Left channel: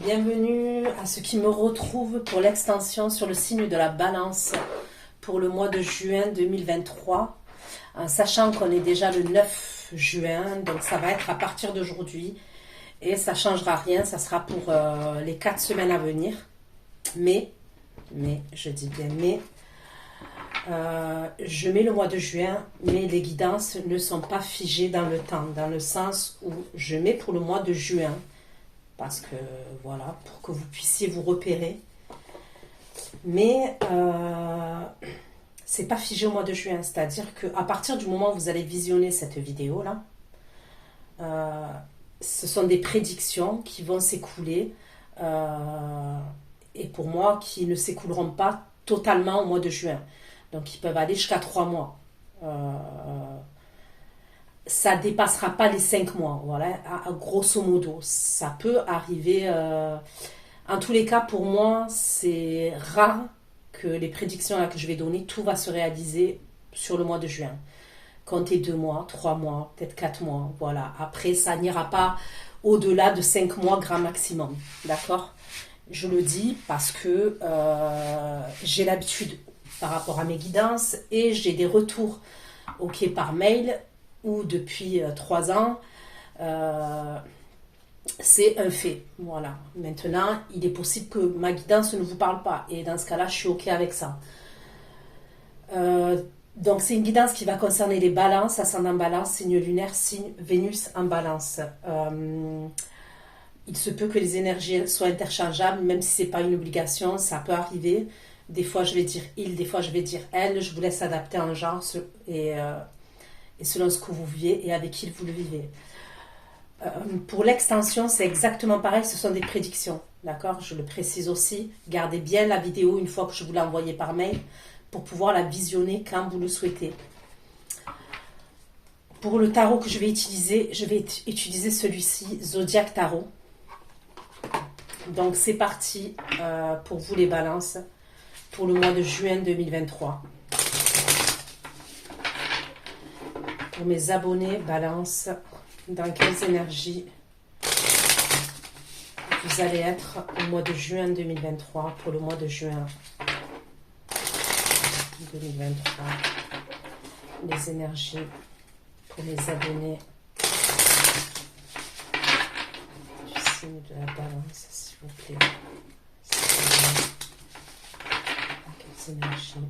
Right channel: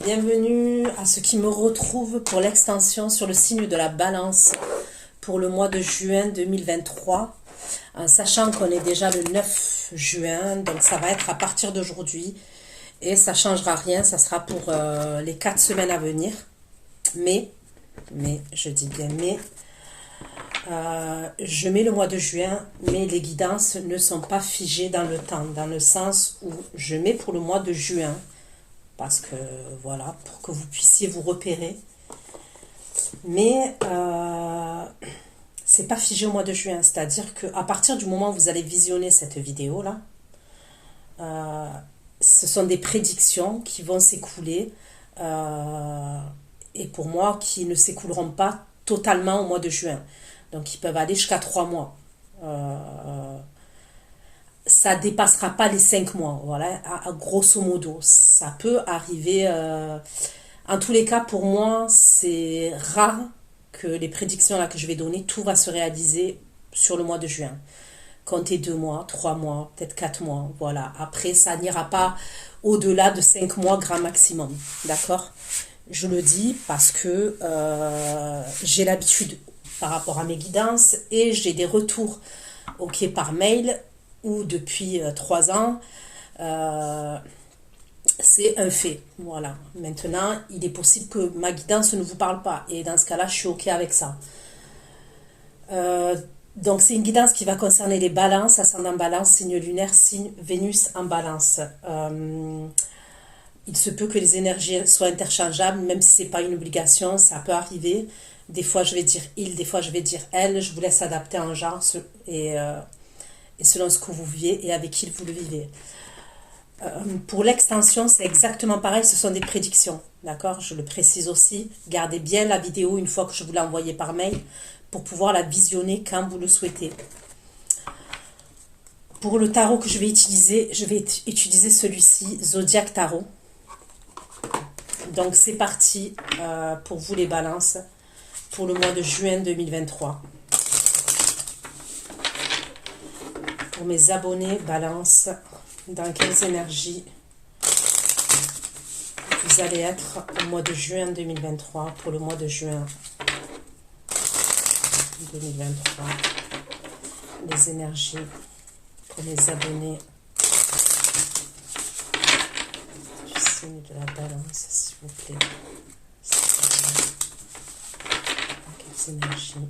Bienvenue à ceux qui me retrouvent pour l'extension sur le signe de la Balance pour le mois de juin 2023, sachant qu'on est déjà le 9 juin, donc ça va être à partir d'aujourd'hui et ça ne changera rien, ça sera pour les 4 semaines à venir. Mais, je dis bien mais, je mets le mois de juin, mais les guidances ne sont pas figées dans le temps, dans le sens où je mets pour le mois de juin, parce que voilà, pour que vous puissiez vous repérer. Mais c'est pas figé au mois de juin, c'est-à-dire qu'à partir du moment où vous allez visionner cette vidéo-là, ce sont des prédictions qui vont s'écouler, et pour moi, qui ne s'écouleront pas totalement au mois de juin. Donc, ils peuvent aller jusqu'à 3 mois. Ça dépassera pas les 5 mois, voilà, à grosso modo. Ça peut arriver. En tous les cas, pour moi, c'est rare que les prédictions là que je vais donner, tout va se réaliser sur le mois de juin. Comptez 2 mois, 3 mois, peut-être 4 mois, voilà. Après, ça n'ira pas au-delà de 5 mois grand maximum, d'accord? Je le dis parce que j'ai l'habitude par rapport à mes guidances et j'ai des retours ok par mail ou depuis 3 ans, c'est un fait. Voilà. Maintenant, il est possible que ma guidance ne vous parle pas et dans ce cas-là, je suis ok avec ça. Donc c'est une guidance qui va concerner les balances, ascendant balance, signe lunaire, signe Vénus en balance. Il se peut que les énergies soient interchangeables, même si ce n'est pas une obligation, ça peut arriver. Des fois, je vais dire il, des fois, je vais dire elle. Je vous laisse adapter en genre et selon ce que vous vivez et avec qui vous le vivez. Pour l'extension, c'est exactement pareil, ce sont des prédictions. D'accord? Je le précise aussi. Gardez bien la vidéo une fois que je vous l'ai envoyée par mail pour pouvoir la visionner quand vous le souhaitez. Pour le tarot que je vais utiliser celui-ci, Zodiac Tarot. Donc c'est parti pour vous les balances pour le mois de juin 2023. Pour mes abonnés balance, dans quelles énergies vous allez être au mois de juin 2023, pour le mois de juin 2023, les énergies pour les abonnés du signe de la balance, s'il vous plaît. Quelles énergies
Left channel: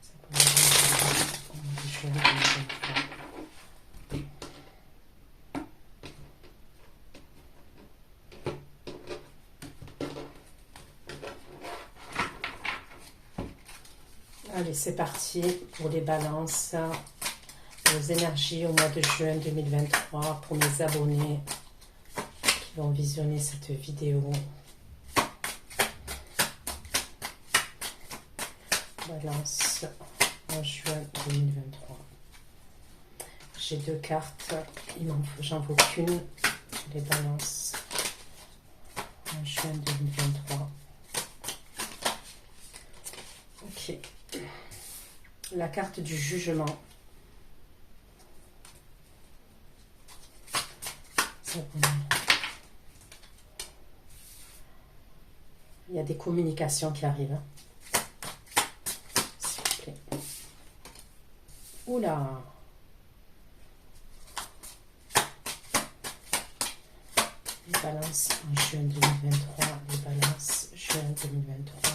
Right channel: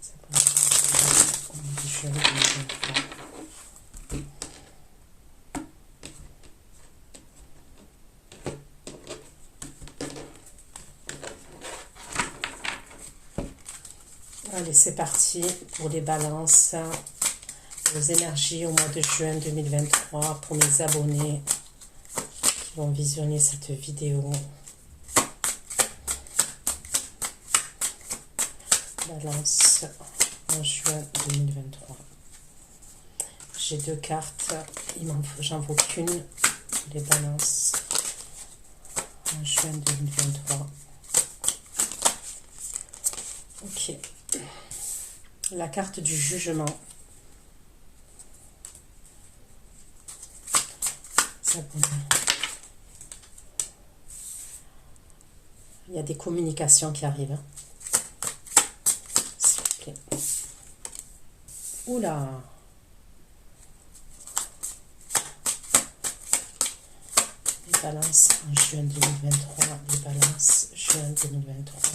ça peut être au mois de juin 2023. Allez, c'est parti pour les balances, vos énergies au mois de juin 2023 pour mes abonnés qui vont visionner cette vidéo. Balance en juin 2023. J'ai 2 cartes, j'en veux qu'une, les balances en juin 2023. Ok. La carte du jugement. Il y a des communications qui arrivent. S'il vous plaît. Oula. Les balances en juin 2023. Les balances juin 2023.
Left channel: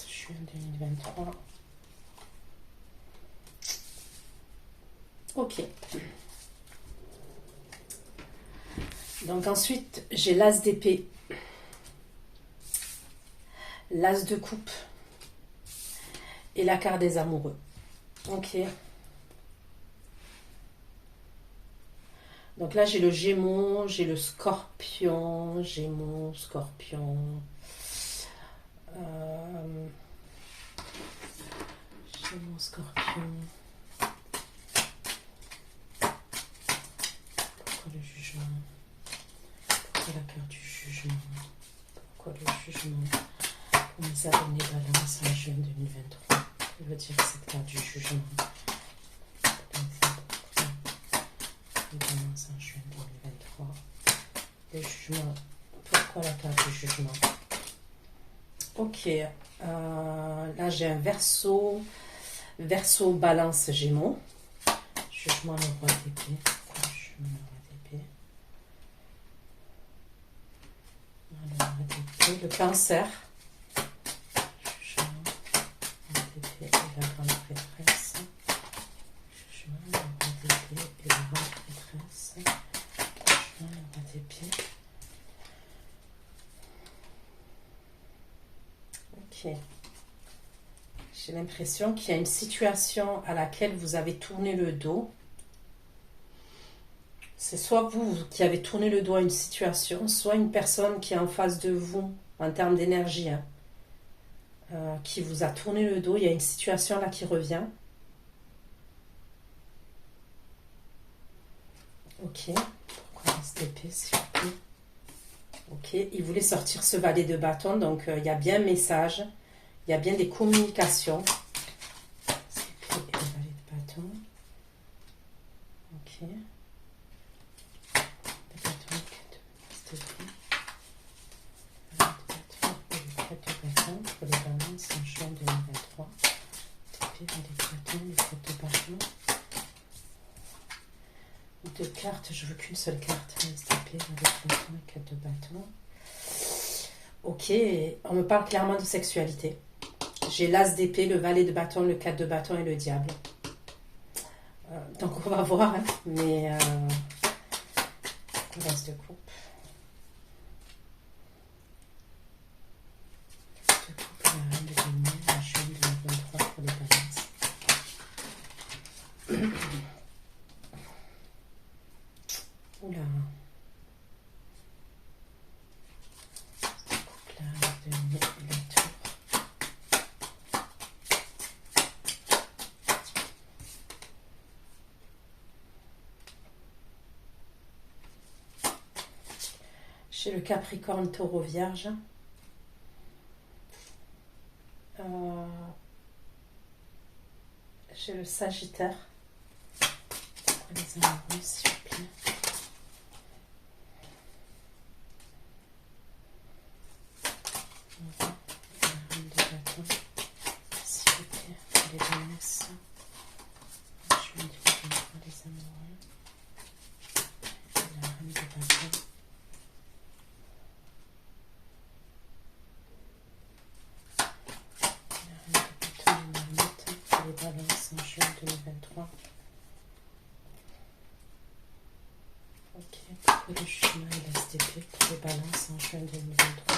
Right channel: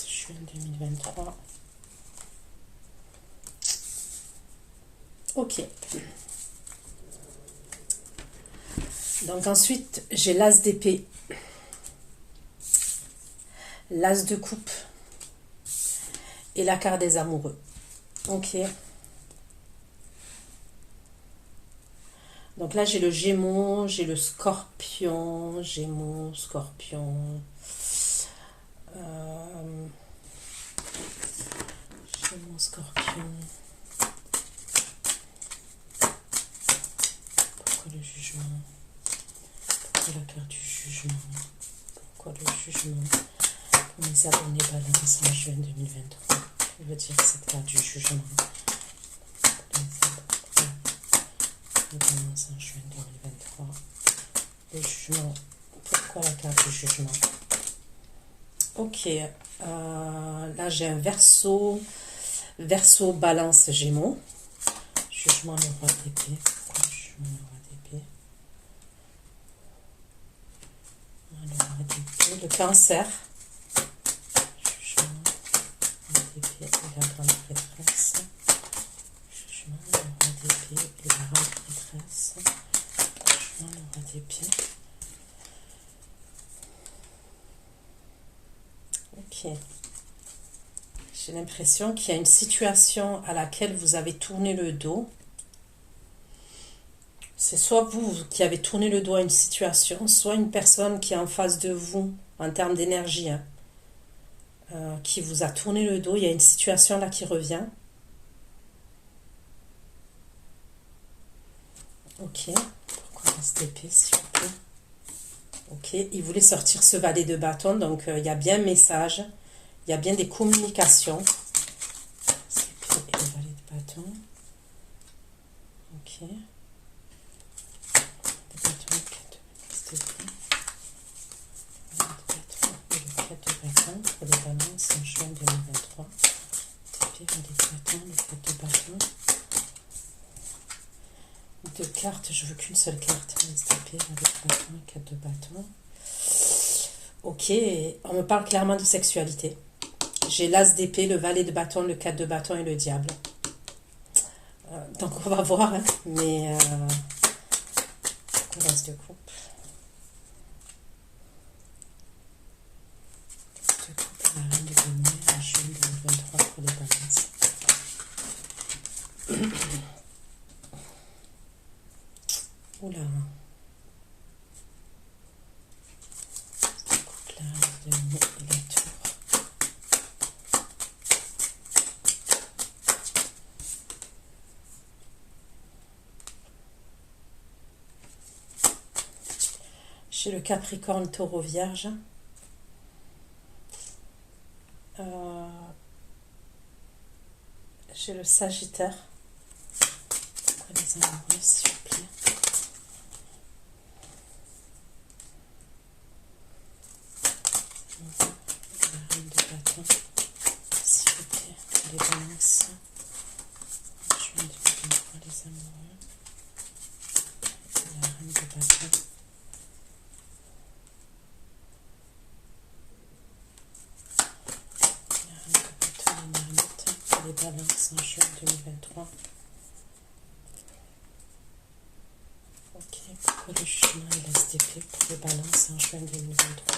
Juin 2023. Ok. Donc ensuite, j'ai l'as d'épée, l'as de coupe et la carte des amoureux. Ok. Donc là, j'ai le Gémeaux, j'ai le Scorpion, Gémeaux, Scorpion. Gémeaux, Scorpion. Pourquoi le jugement? Pourquoi la carte du jugement? Pourquoi le jugement? Pour mes abonnés balance en juin 2023. Que veut dire cette carte du jugement? jugement. Pourquoi la carte du jugement? Ok. Là, j'ai un verso. Verso, balance, gémeaux. Jugement, le roi d'épée. Pourquoi jugement, le roi d'épée? Le roi d'épée. Le cancer. Jugement, le roi d'épée et la grande prêtresse. Jugement, le roi d'épée et la grande prêtresse. Jugement, le roi d'épée. Ok. J'ai l'impression qu'il y a une situation à laquelle vous avez tourné le dos. C'est soit vous qui avez tourné le dos à une situation, soit une personne qui est en face de vous, en termes d'énergie, hein, qui vous a tourné le dos. Il y a une situation là qui revient. Ok. Pourquoi cette épée, s'il vous plaît? Ok. Il voulait sortir ce valet de bâton, donc il y a bien un message. Il y a bien des communications. Et le valet de bâton. Ok. Le bâton, s'il te plaît. Le bâton et le 4 de bâton pour les balances en juin 2023. Le valet de bâton, le 4 de bâton. Deux cartes, je veux qu'une seule carte. STP, valet de bâton et 4 de bâton. Ok, on me parle clairement de sexualité. J'ai l'as d'épée, le valet de bâton, le 4 de bâton et le diable. Donc on va voir, hein, mais l'as de coupe. L'as de coupe et la reine de denier en juin 2023 pour les balances. Oula. Coupe la reine de denier et la tour. J'ai le Capricorne, Taureau, Vierge. J'ai le Sagittaire. Pour les amoureux, s'il vous plaît. La reine de bâton, s'il vous plaît. Pour les balances. Je viens de voir les amoureux. La reine de bâton. Les balances en juin 2023. Ok, pourquoi le jugement et l'as d'épée pour les balances en juin 2023?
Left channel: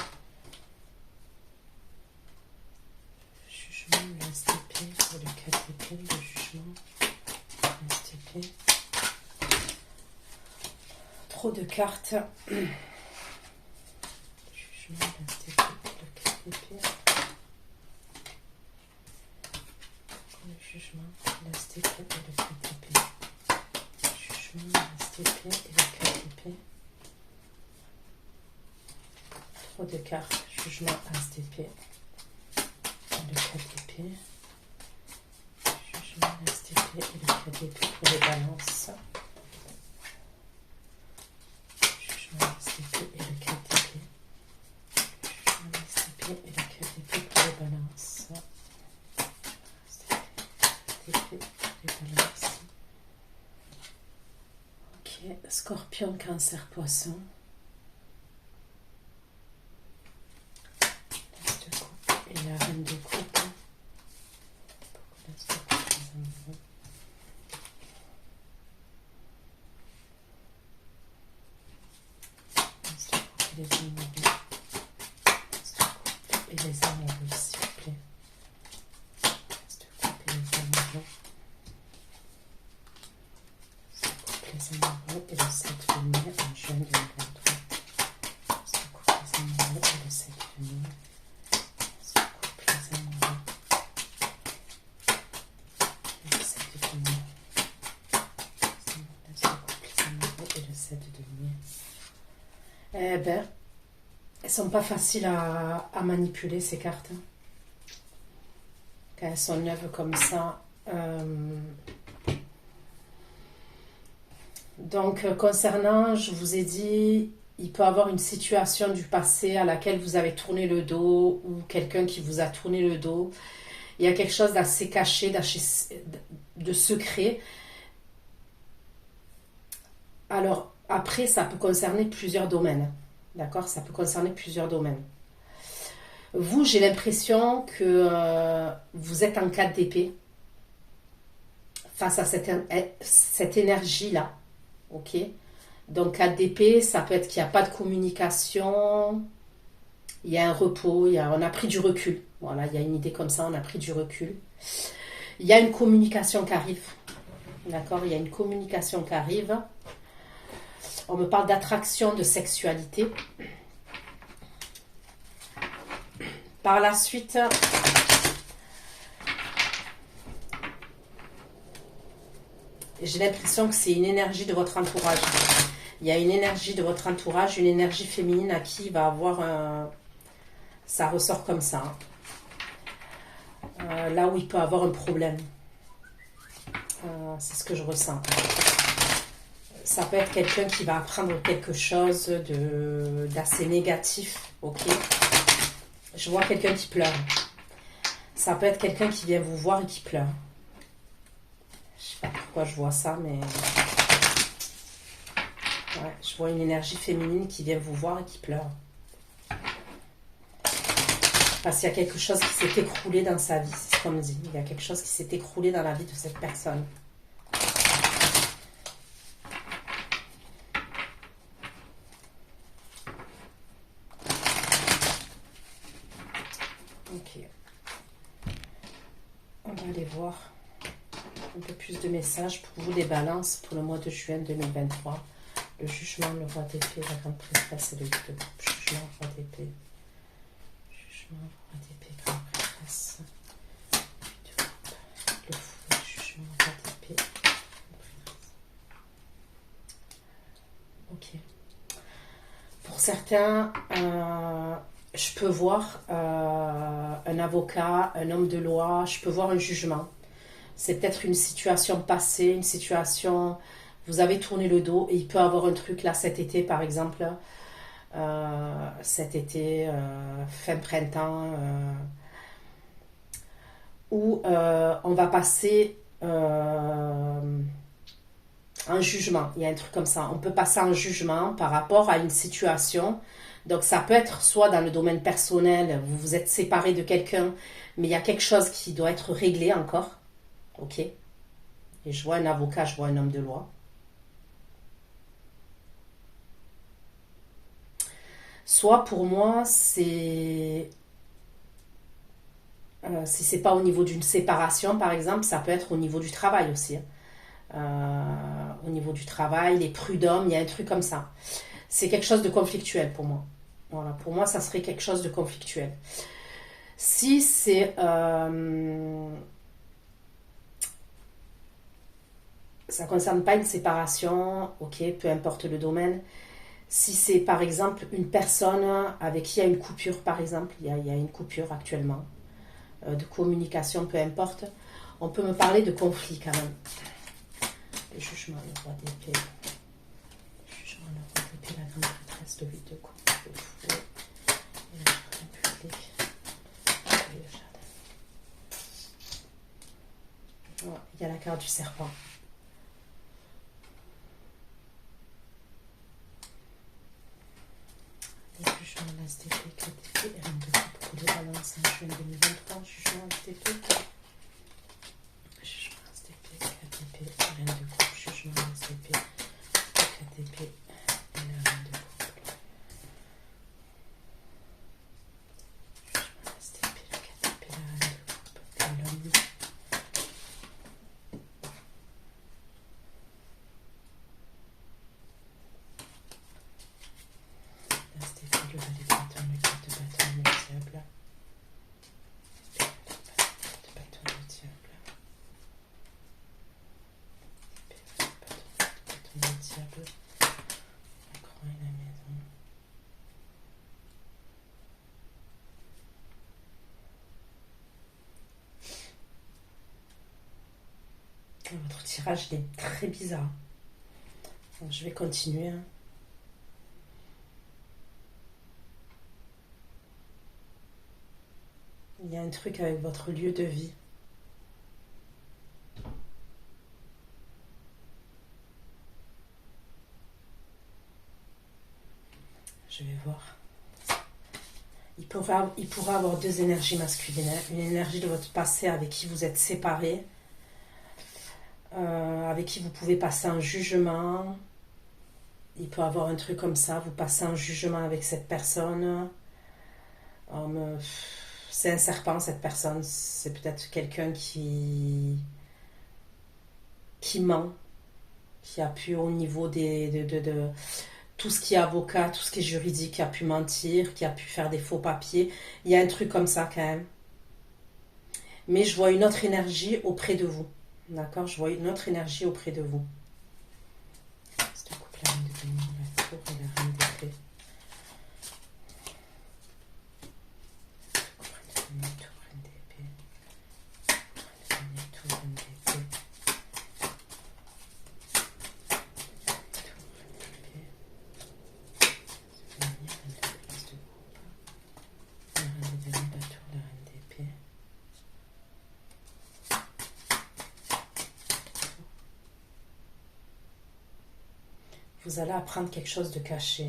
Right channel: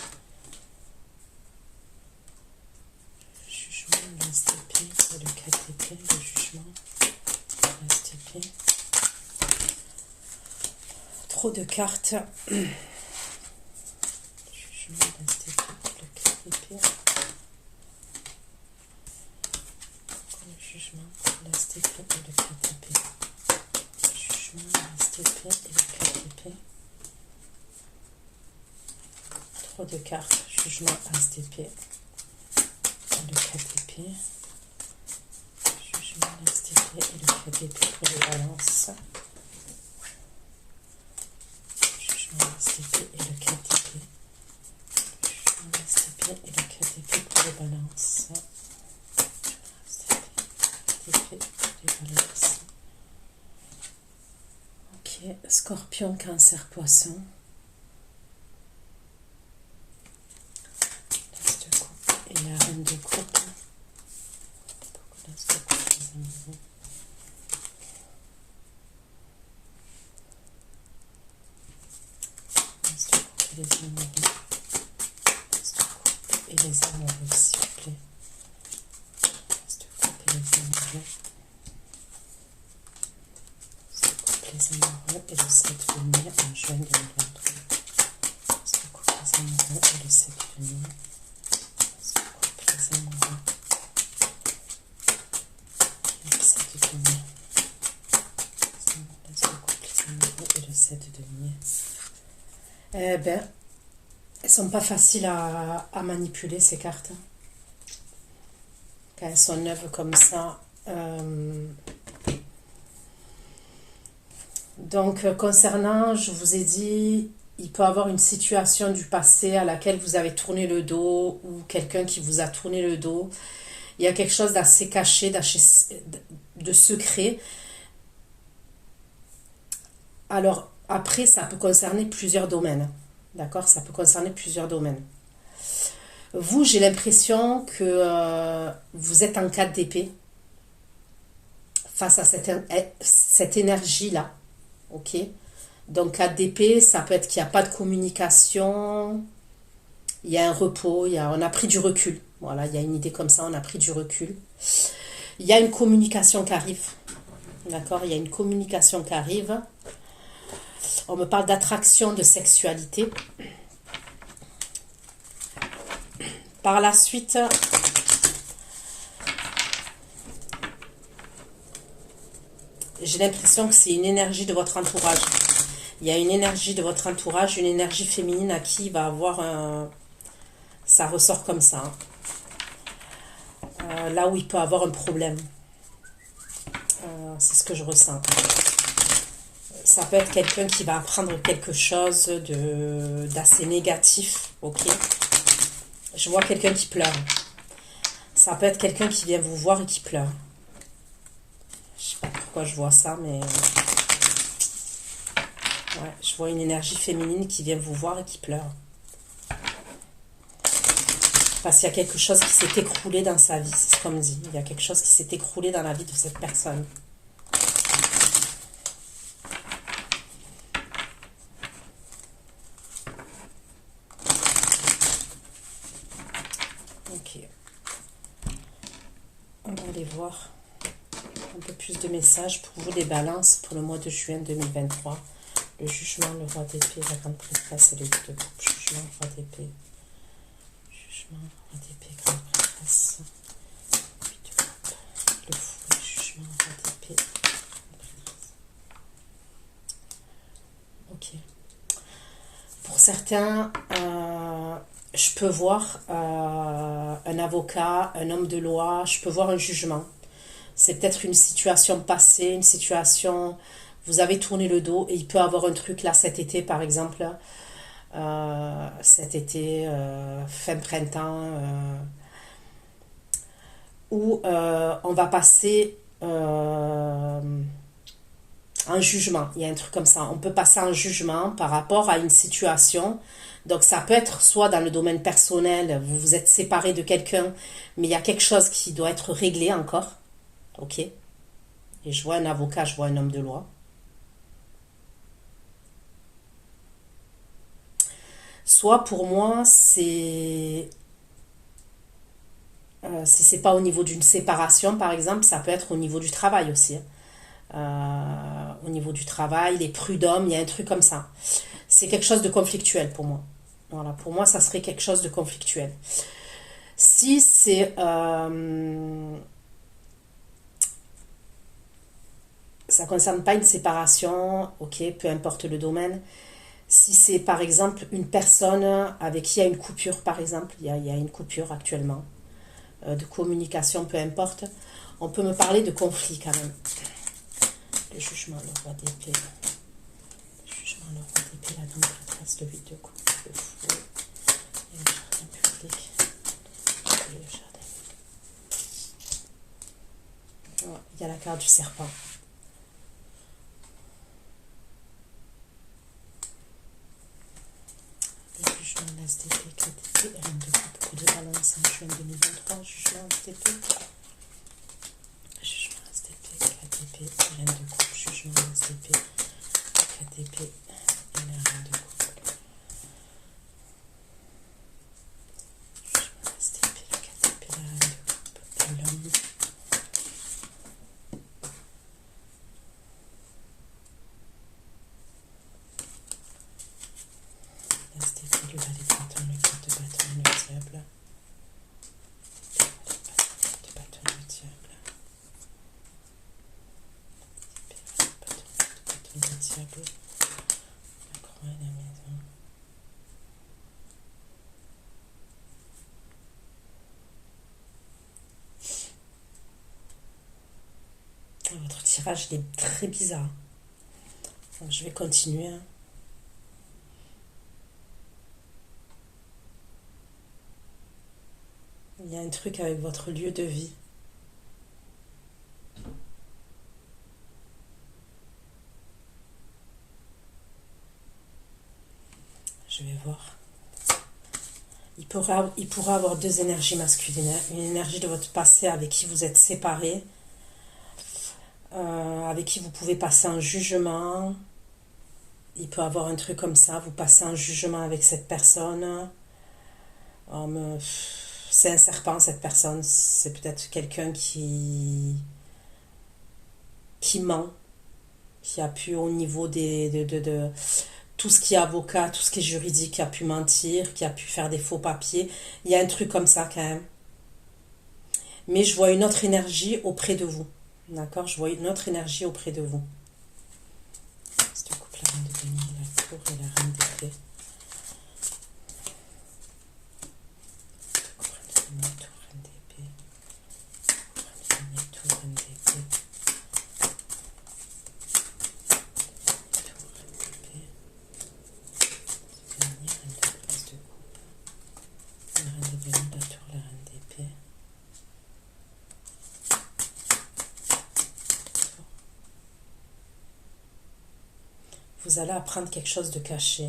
Jugement, l'as d'épée et le 4 d'épée, le jugement, l'as d'épée. Trop de cartes. Jugement, l'as d'épée, le 4 d'épée. Jugement, l'as d'épée et le 4 d'épée. Jugement, l'as d'épée et le 4 d'épée. Trop de cartes. Jugement, as d'épée et le 4 d'épée. Jugement, l'as d'épée et le 4 d'épée pour les balances. Jugement, l'as d'épée et le 4 d'épée. Jugement, l'as d'épée et le 4 d'épée pour les balances. Ok, Scorpion, Cancer, Poisson. L'as de coupe et la reine de coupe. Pourquoi l'as de coupe, les amoureux? L'as de coupe et les amoureux. L'as de coupe et les amoureux, s'il vous plaît. L'as de coupe et les amoureux. Les amoureux et le 7 de mai en juin 2023. L'as de coupe, les amoureux et le 7 de mai. L'as de coupe, les amoureux et le 7 de mai. L'as de coupe, les amoureux et le 7 de mai. Eh ben, elles sont pas faciles à manipuler, ces cartes. Quand elles sont neuves comme ça. Donc, concernant, je vous ai dit, il peut y avoir une situation du passé à laquelle vous avez tourné le dos ou quelqu'un qui vous a tourné le dos. Il y a quelque chose d'assez caché, de secret. Alors, après, ça peut concerner plusieurs domaines. D'accord? Ça peut concerner plusieurs domaines. Vous, j'ai l'impression que vous êtes en 4 d'épée face à cette énergie-là. Ok? Donc, 4 d'épée, ça peut être qu'il n'y a pas de communication, il y a un repos, on a pris du recul. Voilà, il y a une idée comme ça, on a pris du recul. Il y a une communication qui arrive. D'accord? Il y a une communication qui arrive. On me parle d'attraction, de sexualité. Par la suite, j'ai l'impression que c'est une énergie de votre entourage. Il y a une énergie de votre entourage, une énergie féminine à qui il va avoir un... Ça ressort comme ça. Là où il peut avoir un problème. C'est ce que je ressens. Ça peut être quelqu'un qui va apprendre quelque chose d'assez négatif. Ok? Je vois quelqu'un qui pleure. Ça peut être quelqu'un qui vient vous voir et qui pleure. Je sais pas pourquoi je vois ça, mais... Ouais, je vois une énergie féminine qui vient vous voir et qui pleure. Parce qu'il y a quelque chose qui s'est écroulé dans sa vie, c'est ce qu'on me dit. Il y a quelque chose qui s'est écroulé dans la vie de cette personne. Ok. On va aller voir un peu plus de messages pour vous, les balances, pour le mois de juin 2023. Le jugement, le roi d'épée, la grande prêtresse et le 8 de coupe. Jugement, roi d'épée. Jugement, roi d'épée, grande prêtresse. 8 de coupe. Le fou, jugement, roi d'épée. Ok. Pour certains, je peux voir un avocat, un homme de loi, je peux voir un jugement. C'est peut-être une situation passée, une situation... Vous avez tourné le dos et il peut avoir un truc là cet été, par exemple. Cet été, fin printemps, où on va passer un jugement. Il y a un truc comme ça. On peut passer un jugement par rapport à une situation. Donc ça peut être soit dans le domaine personnel, vous vous êtes séparé de quelqu'un, mais il y a quelque chose qui doit être réglé encore. Ok? Et je vois un avocat, je vois un homme de loi. Soit pour moi, c'est... si c'est pas au niveau d'une séparation, par exemple, ça peut être au niveau du travail aussi. Au niveau du travail, les prud'hommes, il y a un truc comme ça. C'est quelque chose de conflictuel pour moi. Voilà, pour moi, ça serait quelque chose de conflictuel. Si c'est... ça ne concerne pas une séparation, ok, peu importe le domaine. Si c'est par exemple une personne avec qui il y a une coupure, par exemple, il y a une coupure actuellement, de communication, peu importe, on peut me parler de conflit quand même. Le jugement, le roi d'épée. Le jugement, le roi d'épée, la grande prêtresse, le 8 de coupe, le fou, et le jardin public, et le jardin. Ouais, il y a la carte du serpent. Le jugement, l'SDP, 4 épées, reine de coupe pour les balances en juin 2023, jugement, SDP. Jugement, SDP, 4 épées, reine de coupe, jugement, SDP, 4 épées, et la reine de coupe. Jugement, SDP, le 4 épées, la reine de coupe, et l'homme. SDP, le valet de bâton, le 4 de bâton, le diable. Le bâton, le diable. Le diable. La croix et la maison. Votre tirage il est très bizarre. Donc, je vais continuer. Il y a un truc avec votre lieu de vie. Je vais voir. Il pourra avoir deux énergies masculines, hein. Une énergie de votre passé avec qui vous êtes séparés, avec qui vous pouvez passer un jugement. Il peut avoir un truc comme ça, vous passez un jugement avec cette personne. C'est un serpent, cette personne. C'est peut-être quelqu'un qui ment, qui a pu au niveau de tout ce qui est avocat, tout ce qui est juridique, qui a pu mentir, qui a pu faire des faux papiers. Il y a un truc comme ça quand même. Mais je vois une autre énergie auprès de vous. D'accord? Je vois une autre énergie auprès de vous. C'est un couple, la reine de denier, la tour et la reine d'épée. La tour, reine d'épée. Tour, reine d'épée. Vous allez apprendre quelque chose de caché.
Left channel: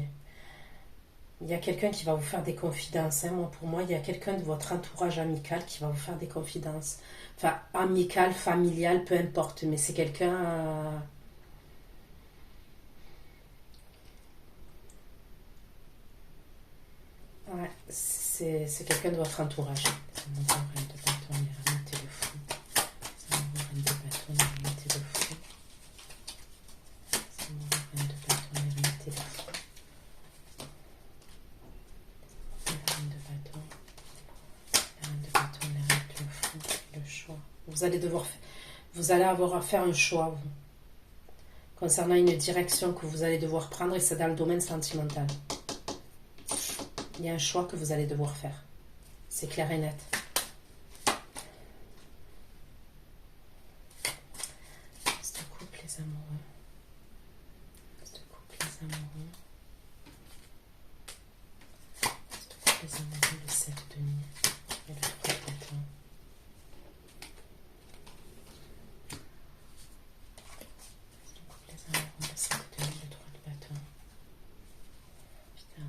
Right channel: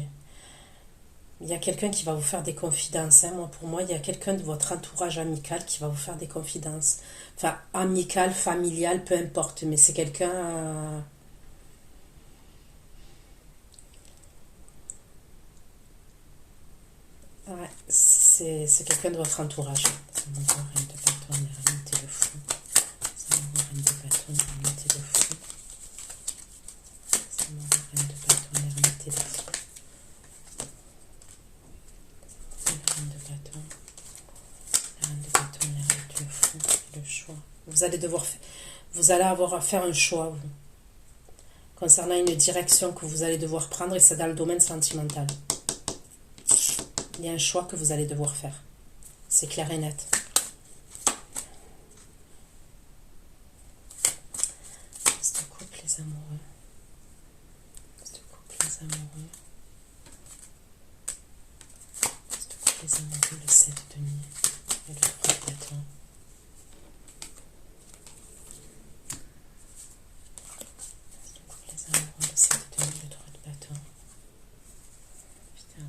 Il y a quelqu'un qui va vous faire des confidences. Hein. Pour moi, il y a quelqu'un de votre entourage amical qui va vous faire des confidences. Enfin, amical, familial, peu importe. Mais c'est quelqu'un... Ouais, c'est quelqu'un de votre entourage. Reine de bâton, remontez le fou. Reine de bâton, remontez le fou. Reine de bâton, remontez le fou. Reine de bâton, remontez le fou. Le choix. Vous allez avoir à faire un choix, vous, concernant une direction que vous allez devoir prendre, et c'est dans le domaine sentimental. Il y a un choix que vous allez devoir faire. C'est clair et net. Reste couple, les amoureux. Reste couple, les amoureux. Reste couple, les amoureux, le 7 de denier et le 3 de bâton. Reste couple, les amoureux, le 7 de denier, le 3 de bâton. Putain.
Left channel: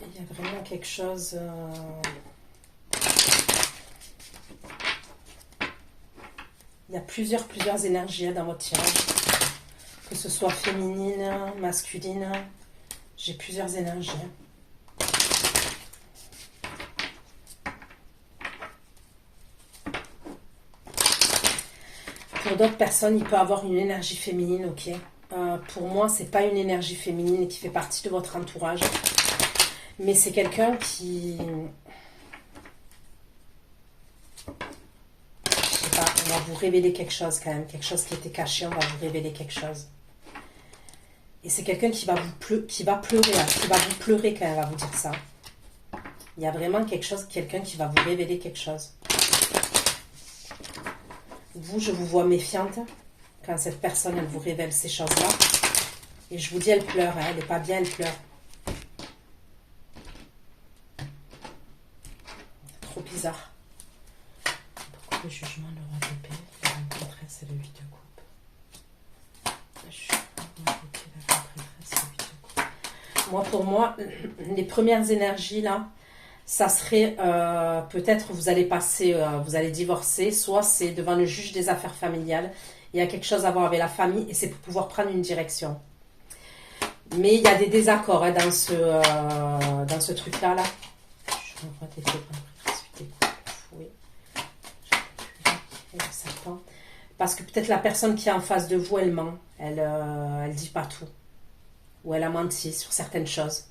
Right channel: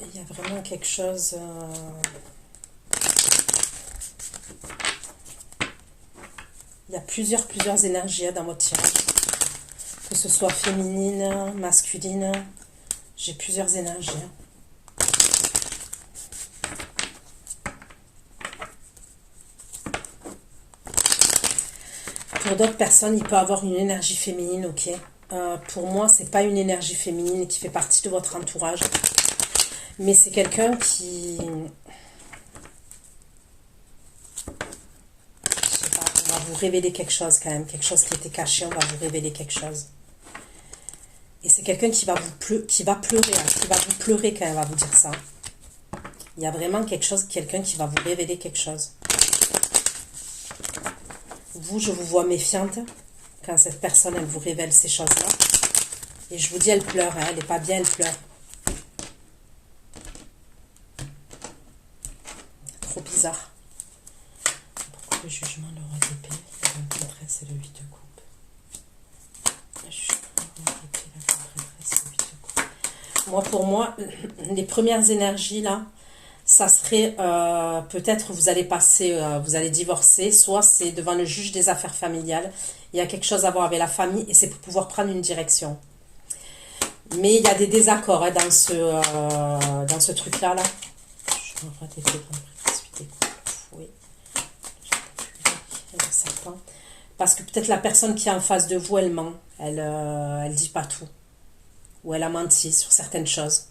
Il y a vraiment quelque chose... Il y a plusieurs énergies dans votre tirage. Que ce soit féminine, masculine. J'ai plusieurs énergies. Pour d'autres personnes, il peut avoir une énergie féminine, ok. Pour moi, c'est pas une énergie féminine qui fait partie de votre entourage. Mais c'est quelqu'un qui... Je sais pas, on va vous révéler quelque chose quand même. Quelque chose qui était caché, on va vous révéler quelque chose. Et c'est quelqu'un qui va pleurer, qui va vous pleurer quand elle va vous dire ça. Il y a vraiment quelque chose, quelqu'un qui va vous révéler quelque chose. Vous, je vous vois méfiante quand cette personne, elle vous révèle ces choses-là. Et je vous dis, elle pleure, hein, elle n'est pas bien, elle pleure. Trop bizarre. Pourquoi le jugement, le roi d'épée, la grande prêtresse et le 8 de coupe? Le jugement, le roi d'épée, la grande prêtresse et le 8 de coupe. Moi, pour moi, les premières énergies, là, ça serait peut-être vous allez passer, vous allez divorcer, soit c'est devant le juge des affaires familiales. Il y a quelque chose à voir avec la famille et c'est pour pouvoir prendre une direction. Mais il y a des désaccords hein, dans ce truc-là. Là. Je me vois des oui. Le serpent. Parce que peut-être la personne qui est en face de vous, elle ment. Elle dit pas tout. Ou elle a menti sur certaines choses.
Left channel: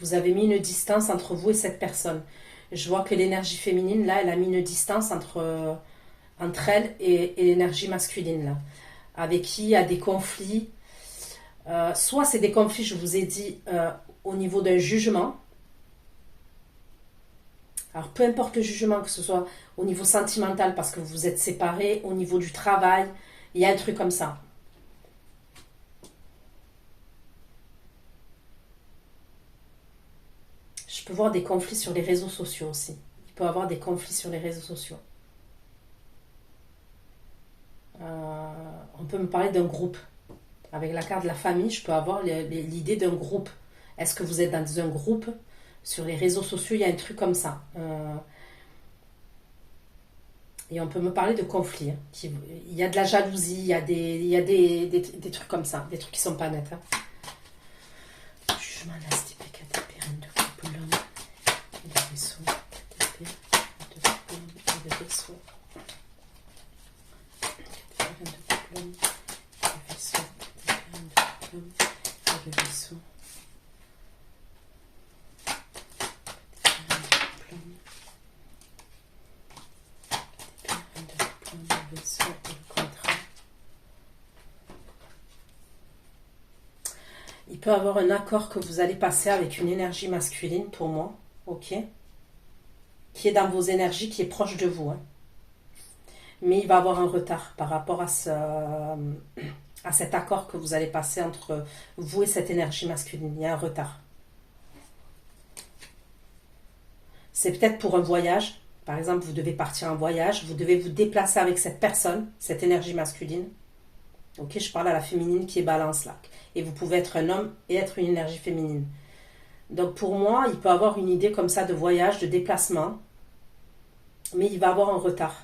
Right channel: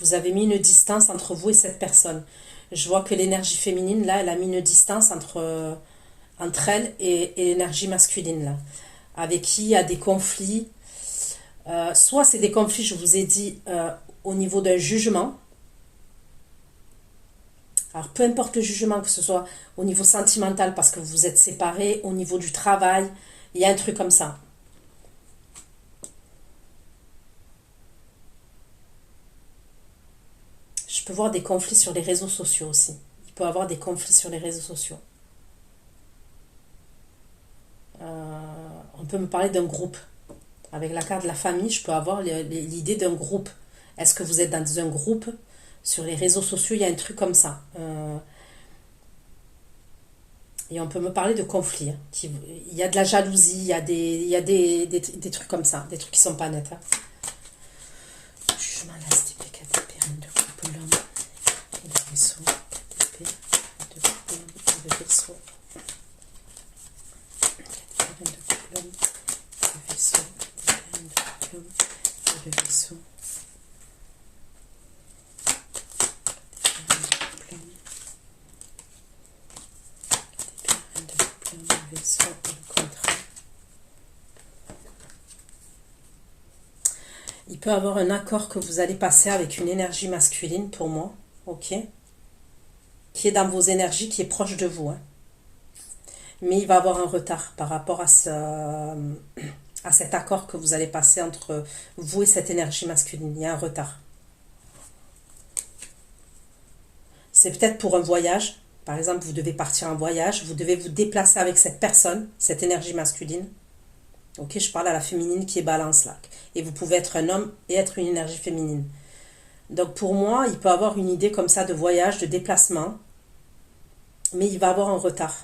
Vous avez mis une distance entre vous et cette personne. Je vois que l'énergie féminine, là, elle a mis une distance entre elle et l'énergie masculine, là. Avec qui il y a des conflits. Soit c'est des conflits, je vous ai dit, au niveau d'un jugement. Alors, peu importe le jugement, que ce soit au niveau sentimental, parce que vous êtes séparés, au niveau du travail, il y a un truc comme ça. Je peux voir des conflits sur les réseaux sociaux aussi. Il peut y avoir des conflits sur les réseaux sociaux. On peut me parler d'un groupe. Avec la carte de la famille, je peux avoir l'idée d'un groupe. Est-ce que vous êtes dans un groupe? Sur les réseaux sociaux, il y a un truc comme ça. Et on peut me parler de conflits. Il y a de la jalousie, il y a des trucs comme ça. Des trucs qui sont pas nets. Jugement, là, c'était de couple, l'homme, de vaisseau, de couple, de vaisseau. Il peut y avoir un accord que vous allez passer avec une énergie masculine pour moi, ok, qui est dans vos énergies, qui est proche de vous, hein. Mais il va y avoir un retard par rapport à cet accord que vous allez passer entre vous et cette énergie masculine. Il y a un retard. C'est peut-être pour un voyage. Par exemple, vous devez partir en voyage, vous devez vous déplacer avec cette personne, cette énergie masculine. Ok, je parle à la féminine qui est balance là. Et vous pouvez être un homme et être une énergie féminine. Donc pour moi, il peut avoir une idée comme ça de voyage, de déplacement. Mais il va avoir un retard.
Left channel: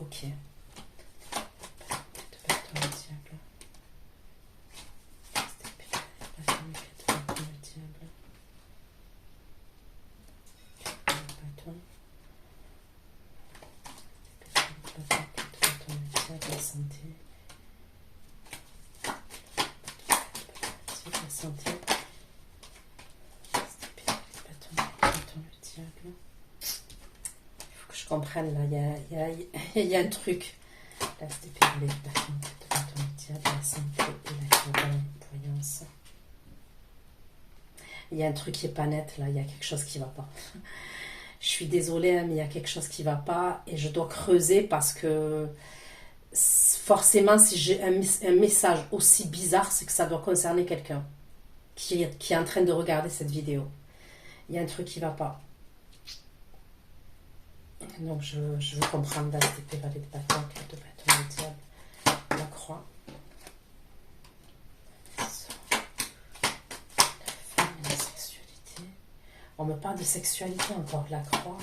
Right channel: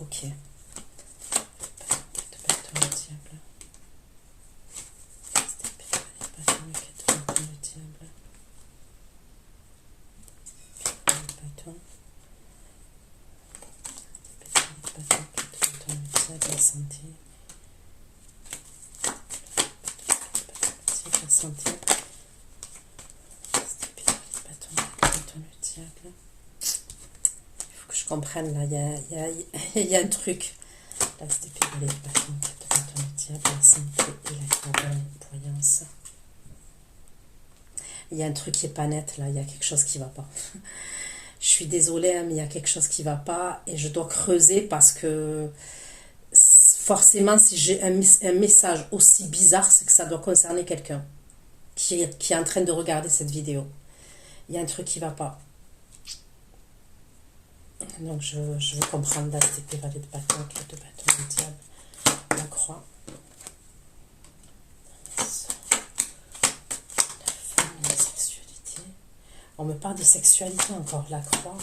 Ok. Santé. Santé. Il faut que je comprenne là, il y a un truc. Là, c'était les bâtons, le diable, la santé et la voyance. Il y a un truc qui est pas net là, il y a quelque chose qui va pas. Je suis désolée, hein, mais il y a quelque chose qui va pas et je dois creuser parce que forcément, si j'ai un message aussi bizarre, c'est que ça doit concerner quelqu'un qui est en train de regarder cette vidéo. Il y a un truc qui ne va pas. Donc, je veux comprendre là, c'était valet de bâton, carte de bâton, le diable, la croix. La femme et la sexualité. On me parle de sexualité encore, la croix.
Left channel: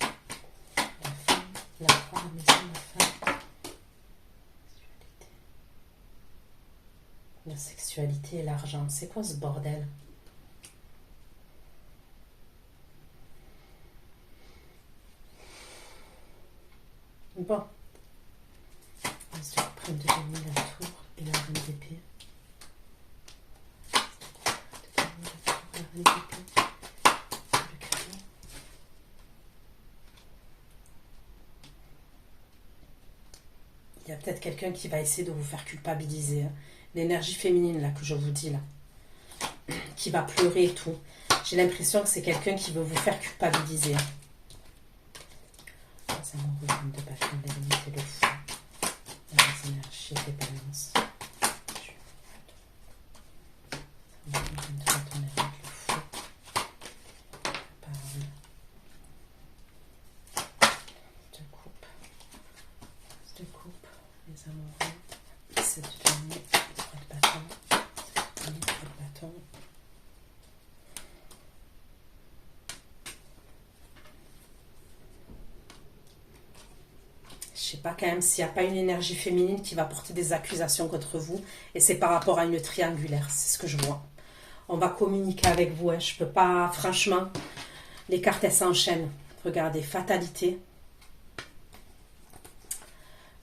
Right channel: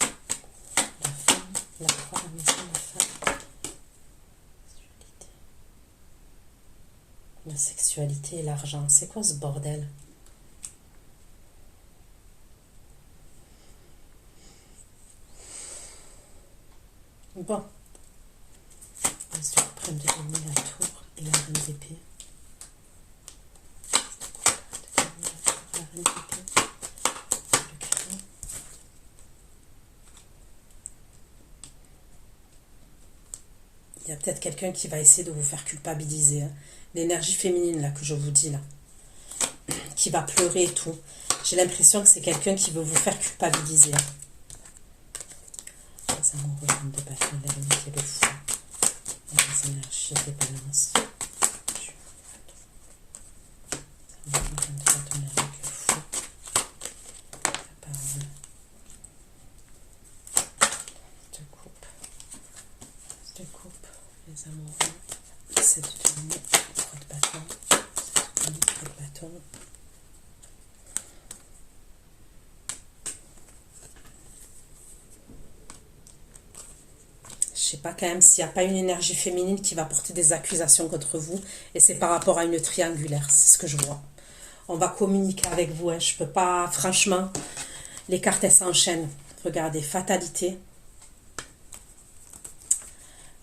La femme, la croix, la maison, la femme. La sexualité et l'argent. C'est quoi ce bordel? Bon. On se prend de donner la tour et la reine d'épée. La reine d'épée. Le cadeau. Il y a peut-être quelqu'un qui va essayer de vous faire culpabiliser, hein. L'énergie féminine là que je vous dis là, qui va pleurer et tout. J'ai l'impression que c'est quelqu'un qui veut vous faire culpabiliser. Ça m'envoie de passion, la limite et le fou. Les énergies des balances. Ça m'envoie de passion avec le fou. La parole. Je te coupe. Les amoureux. C'est du tournement. Je sais pas quand même s'il n'y a pas une énergie féminine qui va porter des accusations contre vous et c'est par rapport à une triangulaire, c'est ce que je vois. On va communiquer avec vous, hein. Je peux pas, franchement, les cartes elles s'enchaînent. Regardez, fatalité,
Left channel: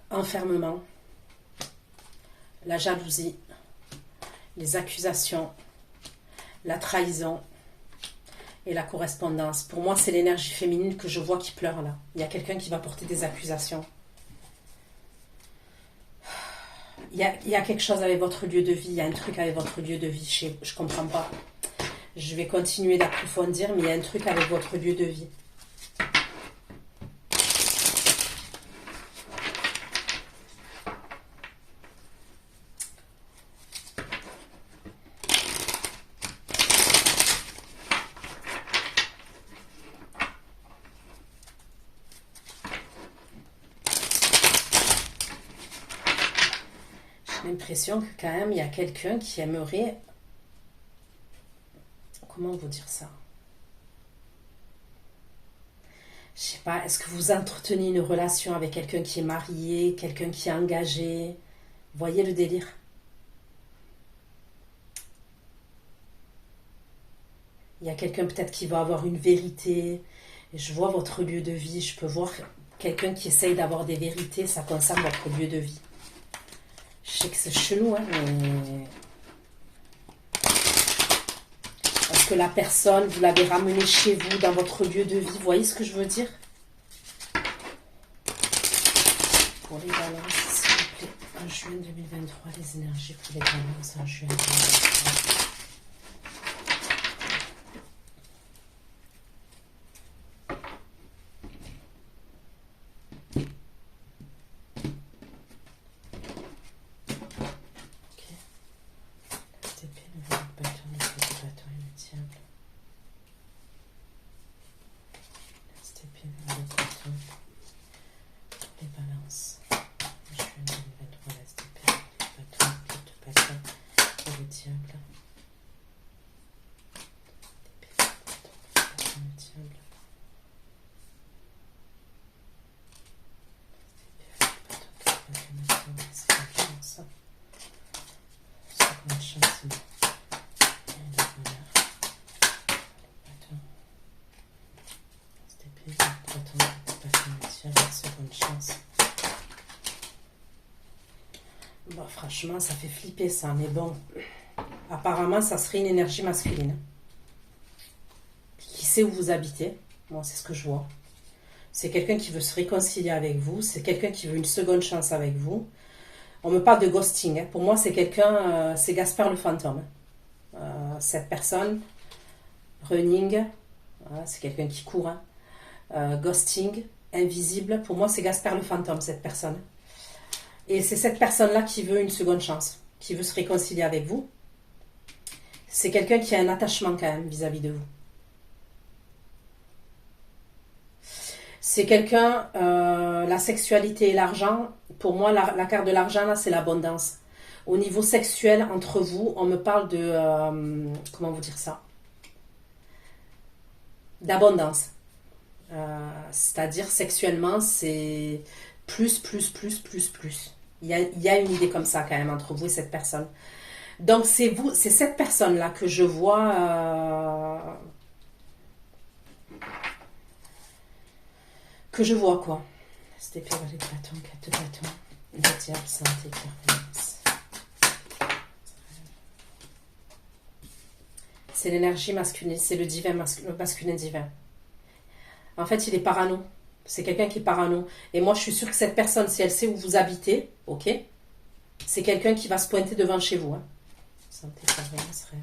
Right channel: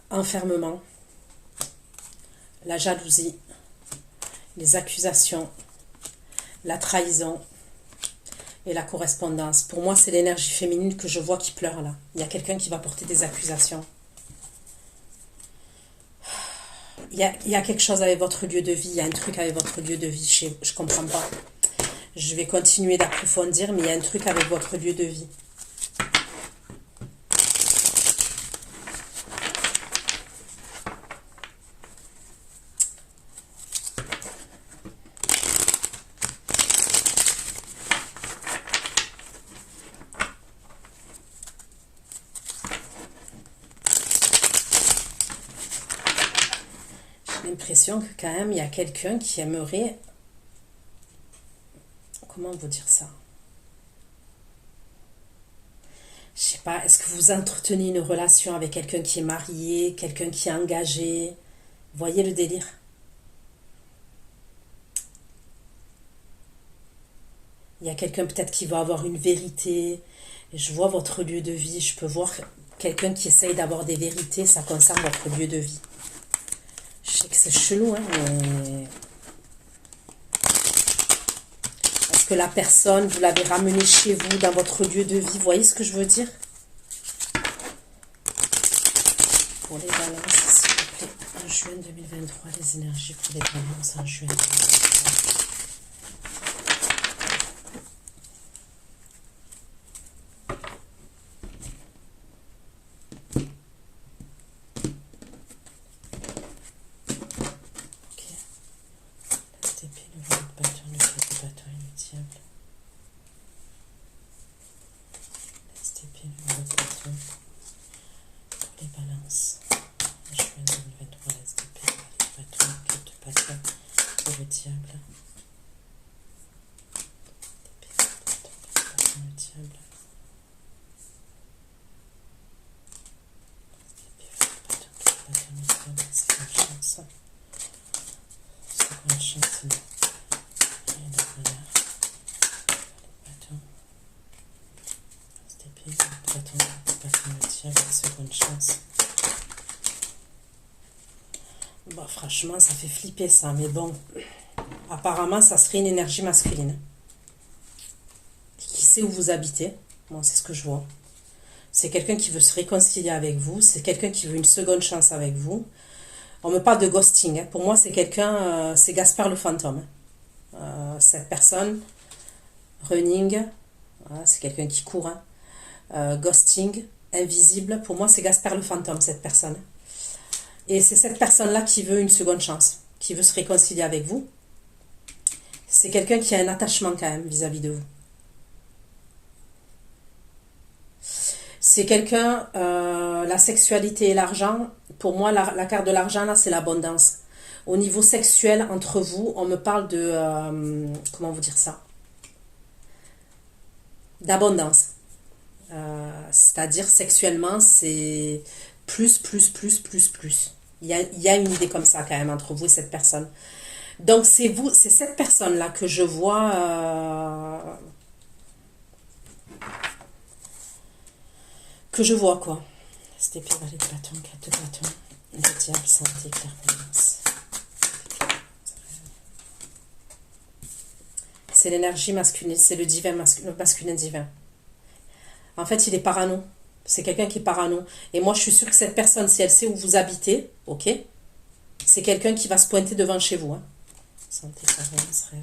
enfermement, la jalousie, les accusations, la trahison. Et la correspondance. Pour moi, c'est l'énergie féminine que je vois qui pleure là. Il y a quelqu'un qui va porter des accusations. Il y a quelque chose avec votre lieu de vie. Il y a un truc avec votre lieu de vie. Je ne comprends pas. Je vais continuer d'approfondir, mais il y a un truc avec votre lieu de vie. J'ai l'impression que quand même, il y a quelqu'un qui aimerait... Comment vous dire ça? Je sais pas, est-ce que vous entretenez une relation avec quelqu'un qui est marié, quelqu'un qui est engagé? Vous voyez le délire? Il y a quelqu'un peut-être qui va avoir une vérité. Et je vois votre lieu de vie. Je peux voir quelqu'un qui essaye d'avoir des vérités. Ça concerne votre lieu de vie. Je sais que c'est chelou, hein, mais... Parce que la personne, vous l'avez ramenée chez vous, dans votre lieu de vie. Vous voyez ce que je veux dire? Pour les balances, s'il vous plaît. En juin 2023, les énergies pour les balances en juin 2023. Bon, franchement, ça fait flipper ça, mais bon, apparemment, ça serait une énergie masculine. Qui sait où vous habitez? Bon, c'est ce que je vois. C'est quelqu'un qui veut se réconcilier avec vous, c'est quelqu'un qui veut une seconde chance avec vous. On me parle de ghosting, hein. Pour moi, c'est quelqu'un, c'est Gaspard le fantôme. Cette personne, running, voilà, c'est quelqu'un qui court, hein. Ghosting, invisible, pour moi, c'est Gaspard le fantôme, cette personne. Et c'est cette personne-là qui veut une seconde chance, qui veut se réconcilier avec vous. C'est quelqu'un qui a un attachement quand même vis-à-vis de vous. C'est quelqu'un, la sexualité et l'argent, pour moi, la carte de l'argent, là, c'est l'abondance. Au niveau sexuel, entre vous, on me parle de, comment vous dire ça? D'abondance. C'est-à-dire, sexuellement, c'est plus, plus, plus, plus, plus. Il y a une idée comme ça, quand même, entre vous et cette personne. Donc, c'est vous, c'est cette personne-là que je vois... quoi. C'était valet de bâton, 4 de bâton, le diable, santé, clairvoyance. C'est l'énergie masculine, c'est le divin, le masculin divin. En fait, il est parano. C'est quelqu'un qui est parano. Et moi, je suis sûre que cette personne, si elle sait où vous habitez, ok, c'est quelqu'un qui va se pointer devant chez vous. Hein. Santé, clairvoyance, rêve.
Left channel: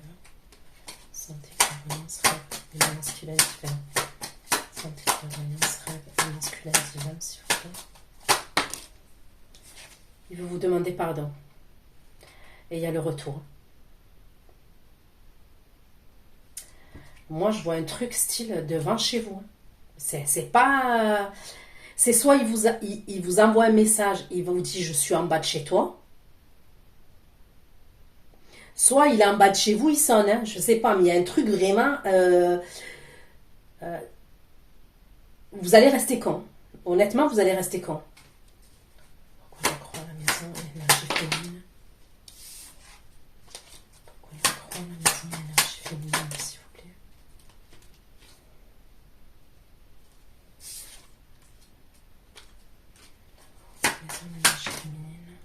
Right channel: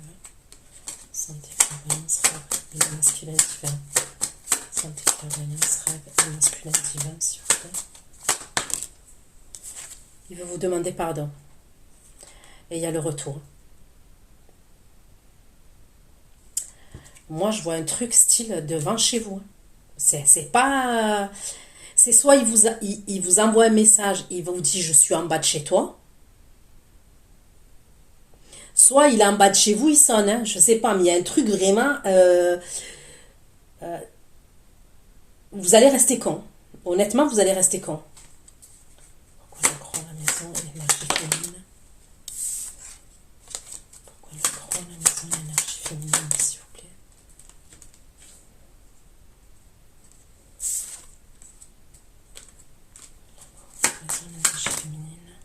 Santé, clairvoyance, rêve. Le masculin divin. Santé, clairvoyance, rêve. Le masculin divin, s'il vous plaît. Il veut vous demander pardon. Et il y a le retour. Moi, je vois un truc style devant chez vous. C'est pas... C'est soit il vous envoie un message, il vous dit je suis en bas de chez toi. Soit il est en bas de chez vous, il sonne. Hein, je sais pas, mais il y a un truc vraiment... vous allez rester con. Honnêtement, vous allez rester con. Pourquoi la croix à la maison et l'énergie féminine? Pourquoi la croix à la maison et l'énergie féminine, s'il vous plaît? Maison et l'énergie féminine.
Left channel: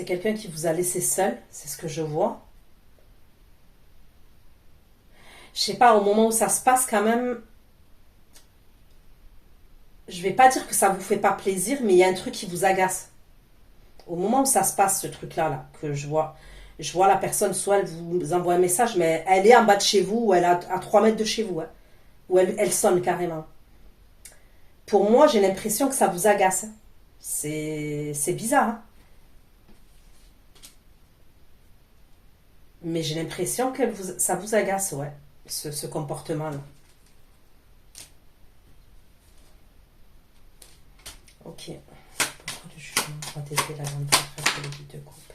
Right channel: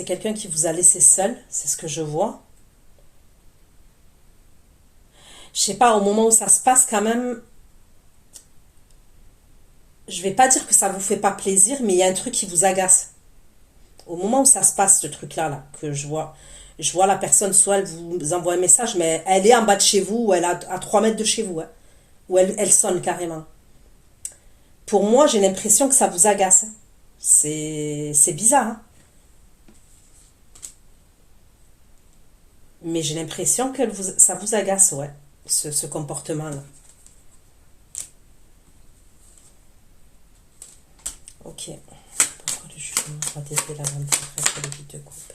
c'est quelqu'un qui vous a laissé seul, c'est ce que je vois. Je sais pas, au moment où ça se passe quand même, je vais pas dire que ça vous fait pas plaisir, mais il y a un truc qui vous agace. Au moment où ça se passe, ce truc-là, là, que je vois la personne, soit elle vous envoie un message, mais elle est en bas de chez vous, ou elle est à 3 mètres de chez vous, hein, ou elle sonne carrément. Pour moi, j'ai l'impression que ça vous agace. C'est bizarre, hein. Mais j'ai l'impression que ça vous agace, ouais, ce comportement-là. Ok. Pourquoi le jugement va défier la lampe après le but de couple?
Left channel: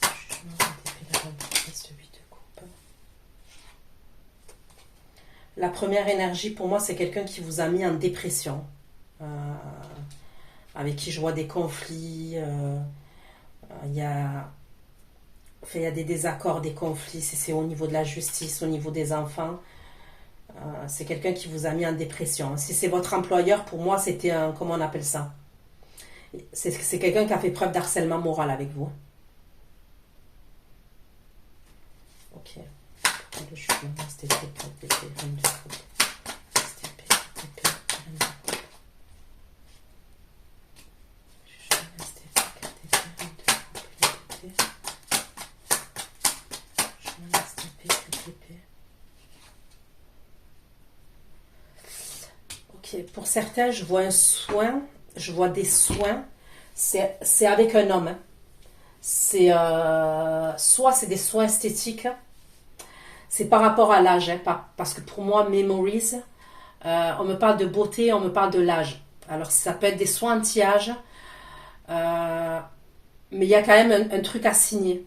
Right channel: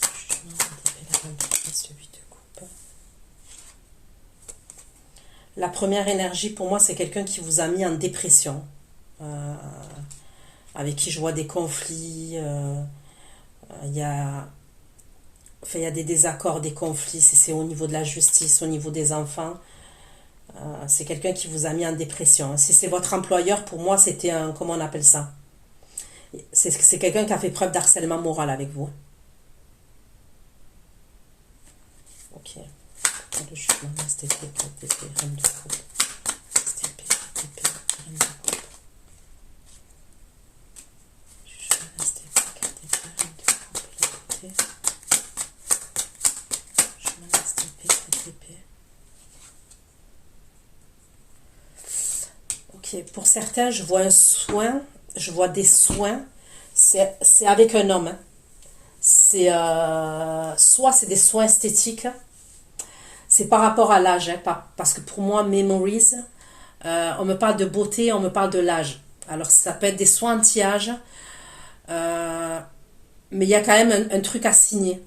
Le jugement va défier la lampe après le but de couple. La première énergie, pour moi, c'est quelqu'un qui vous a mis en dépression. Euh, avec qui je vois des conflits. Il y a... Enfin, il y a des désaccords, des conflits. C'est au niveau de la justice, au niveau des enfants. C'est quelqu'un qui vous a mis en dépression. Si c'est votre employeur, pour moi, c'était un... Comment on appelle ça? C'est quelqu'un qui a fait preuve d'harcèlement moral avec vous. Ok. Le jugement, STP, KTP, reine de coupe. STP, KTP, reine de coupe. Jugement, STP, KTP, reine de coupe. LTP. Jugement, STP, KTP. Ok. Pour certains, je vois un soin. Je vois des soins. C'est avec un homme, hein. C'est soit c'est des soins esthétiques. C'est par rapport à l'âge, hein, parce que pour moi, Memories, on me parle de beauté, on me parle de l'âge. Alors ça peut être des soins anti-âge, euh, mais il y a quand même un truc à signer.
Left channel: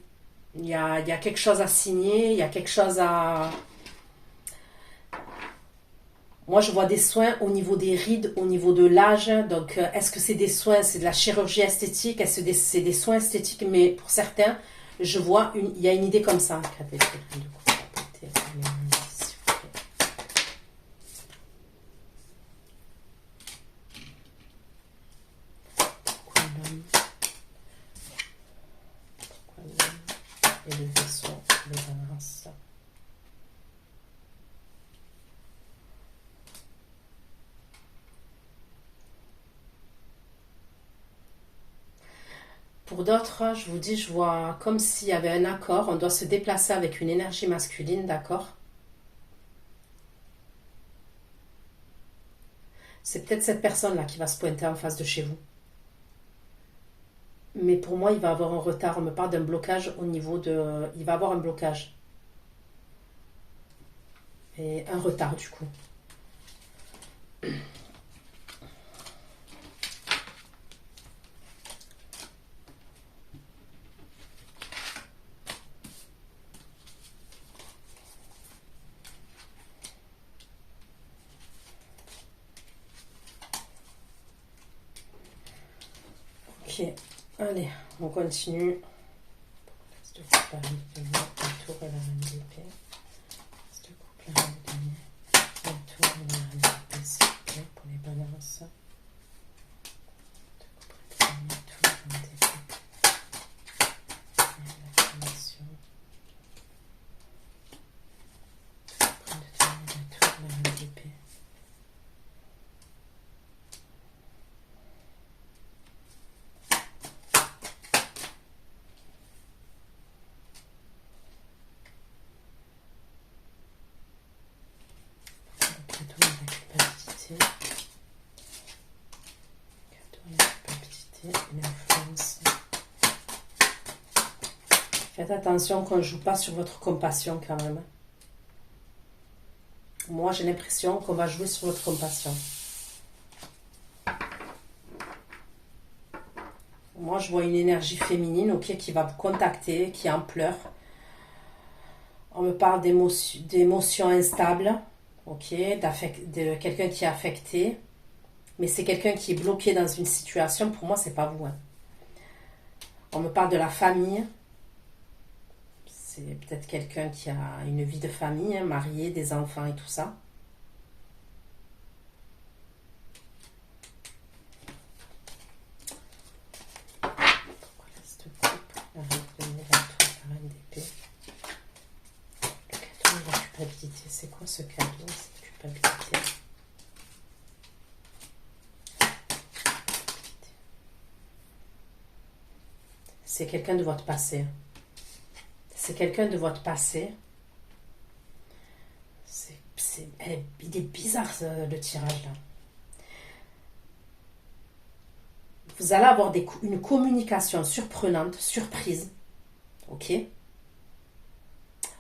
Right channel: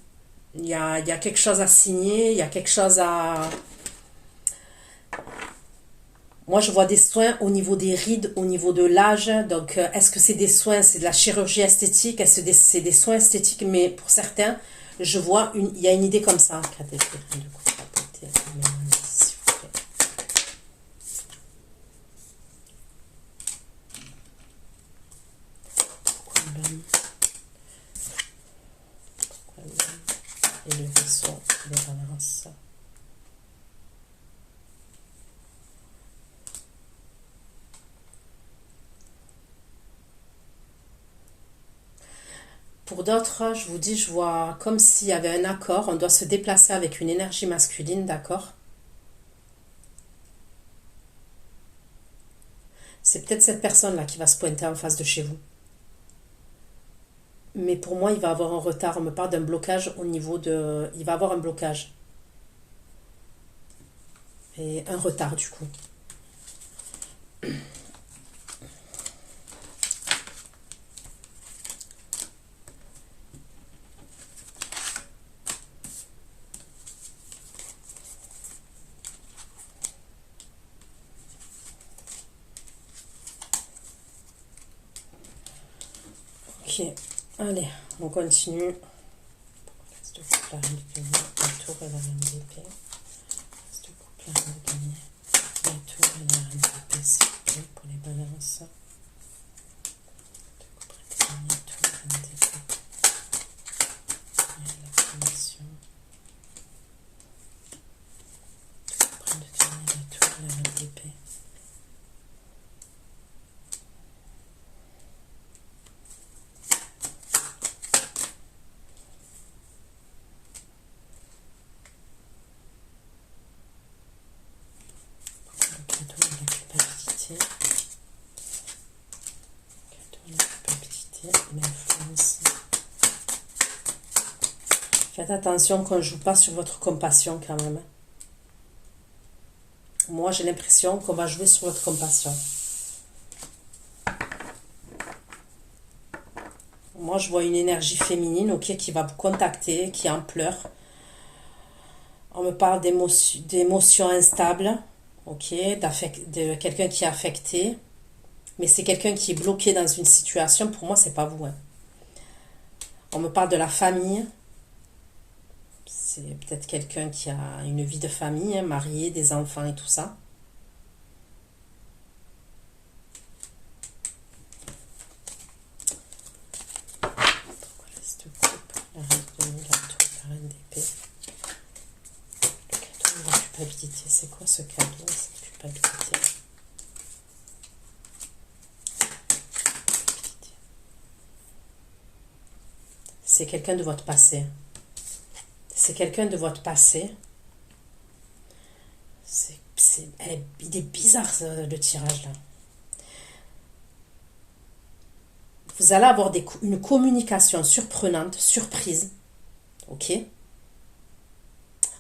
Il y a quelque chose à signer, il y a quelque chose à... Moi, je vois des soins au niveau des rides, au niveau de l'âge. Donc, est-ce que c'est des soins, c'est de la chirurgie esthétique, est-ce que c'est des soins esthétiques? Mais pour certains, je vois, il y a une idée comme ça. Et le vaisseau de balance. Pour d'autres, je vous dis, je vois comme s'il y avait un accord, on doit se déplacer avec une énergie masculine, d'accord? C'est peut-être cette personne-là qui va se pointer en face de chez vous. Mais pour moi, il va avoir un retard. On me parle d'un blocage au niveau de... Il va avoir un blocage. Et un retard, du coup. Ok, allez, on continue. Reste de couple, la reine de denier, la tour et la reine d'épée. Reste de couple, la reine de denier, la tour et la reine d'épée, s'il vous plaît, pour les balances. De couple, la denier, tour, reine d'épée. Et la connexion. De couple, de denier, la tour, la reine d'épée. L'influence. Faites attention qu'on ne joue pas sur votre compassion quand même. Moi, j'ai l'impression qu'on va jouer sur votre compassion. Moi, je vois une énergie féminine, ok, qui va vous contacter, qui est en pleurs. On me parle d'émotions instables, ok, de quelqu'un qui est affecté. Mais c'est quelqu'un qui est bloqué dans une situation. Pour moi, c'est pas vous, hein. On me parle de la famille. C'est peut-être quelqu'un qui a une vie de famille, hein, marié, des enfants et tout ça. culpabilité. C'est quoi ce cadeau, cette culpabilité? C'est quelqu'un de votre passé. C'est quelqu'un de votre passé. Il est bizarre le tirage là. Vous allez avoir une communication surprenante, surprise. Ok?